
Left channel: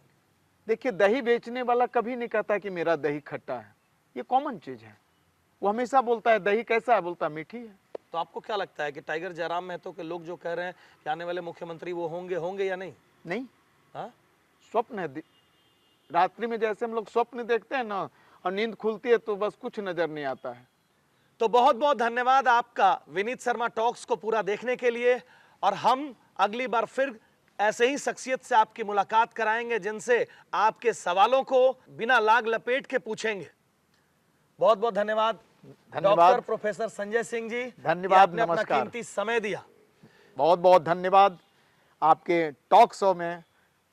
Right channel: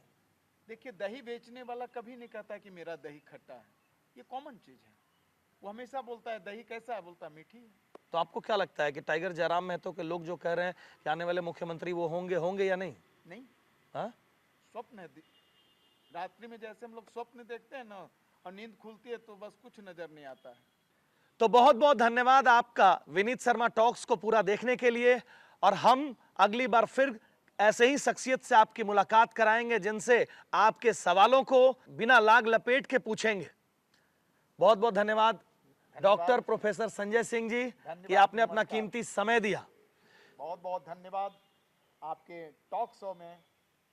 देखिए, दही बेचने वाला कभी नहीं कहता कि मेरा दही खट्टा है, ये कॉमन चीज है। वो हमेशा बोलता है दही कैसा है, बोलता है मीठी है। तो आपको क्या लगता है कि टाइगर जयराम महतो के लोग जो कह रहे हैं कि आने वाले मुख्यमंत्री वो होंगे या नहीं? नहीं, हाँ? स्वप्न है। रात्रि में जैसे हम लोग स्वप्न देखते हैं ना, और नींद खुलती है तो बस कुछ नजर नहीं आता है। तो बहुत बहुत धन्यवाद आपका विनीत शर्मा टॉक्स को पूरा देखने के लिए, और हम अगली बार फिर ऐसे ही शख्सियत से आपकी मुलाकात कराएंगे जिनसे आपके सवालों को बिना लाग लपेट के पूछेंगे। बहुत बहुत धन्यवाद डॉक्टर प्रोफेसर संजय सिंह जी, धन्यवाद, आपने अपना नमस्कार। कीमती समय दिया। बहुत बहुत धन्यवाद, आपके टॉक शो में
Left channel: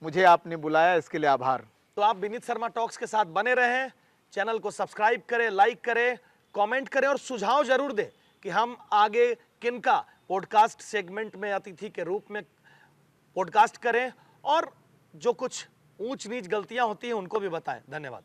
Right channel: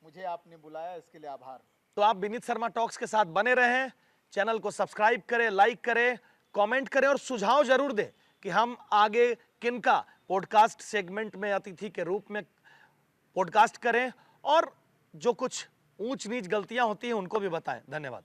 मुझे आपने बुलाया, इसके लिए आभार। तो आप विनीत शर्मा टॉक्स के साथ बने रहें, चैनल को सब्सक्राइब करें, लाइक करें, कमेंट करें और सुझाव जरूर दें कि हम आगे किनका पॉडकास्ट सेगमेंट में अतिथि के रूप में पॉडकास्ट करें, और जो कुछ ऊंच नीच गलतियां होती हैं उनको भी बताएं। धन्यवाद।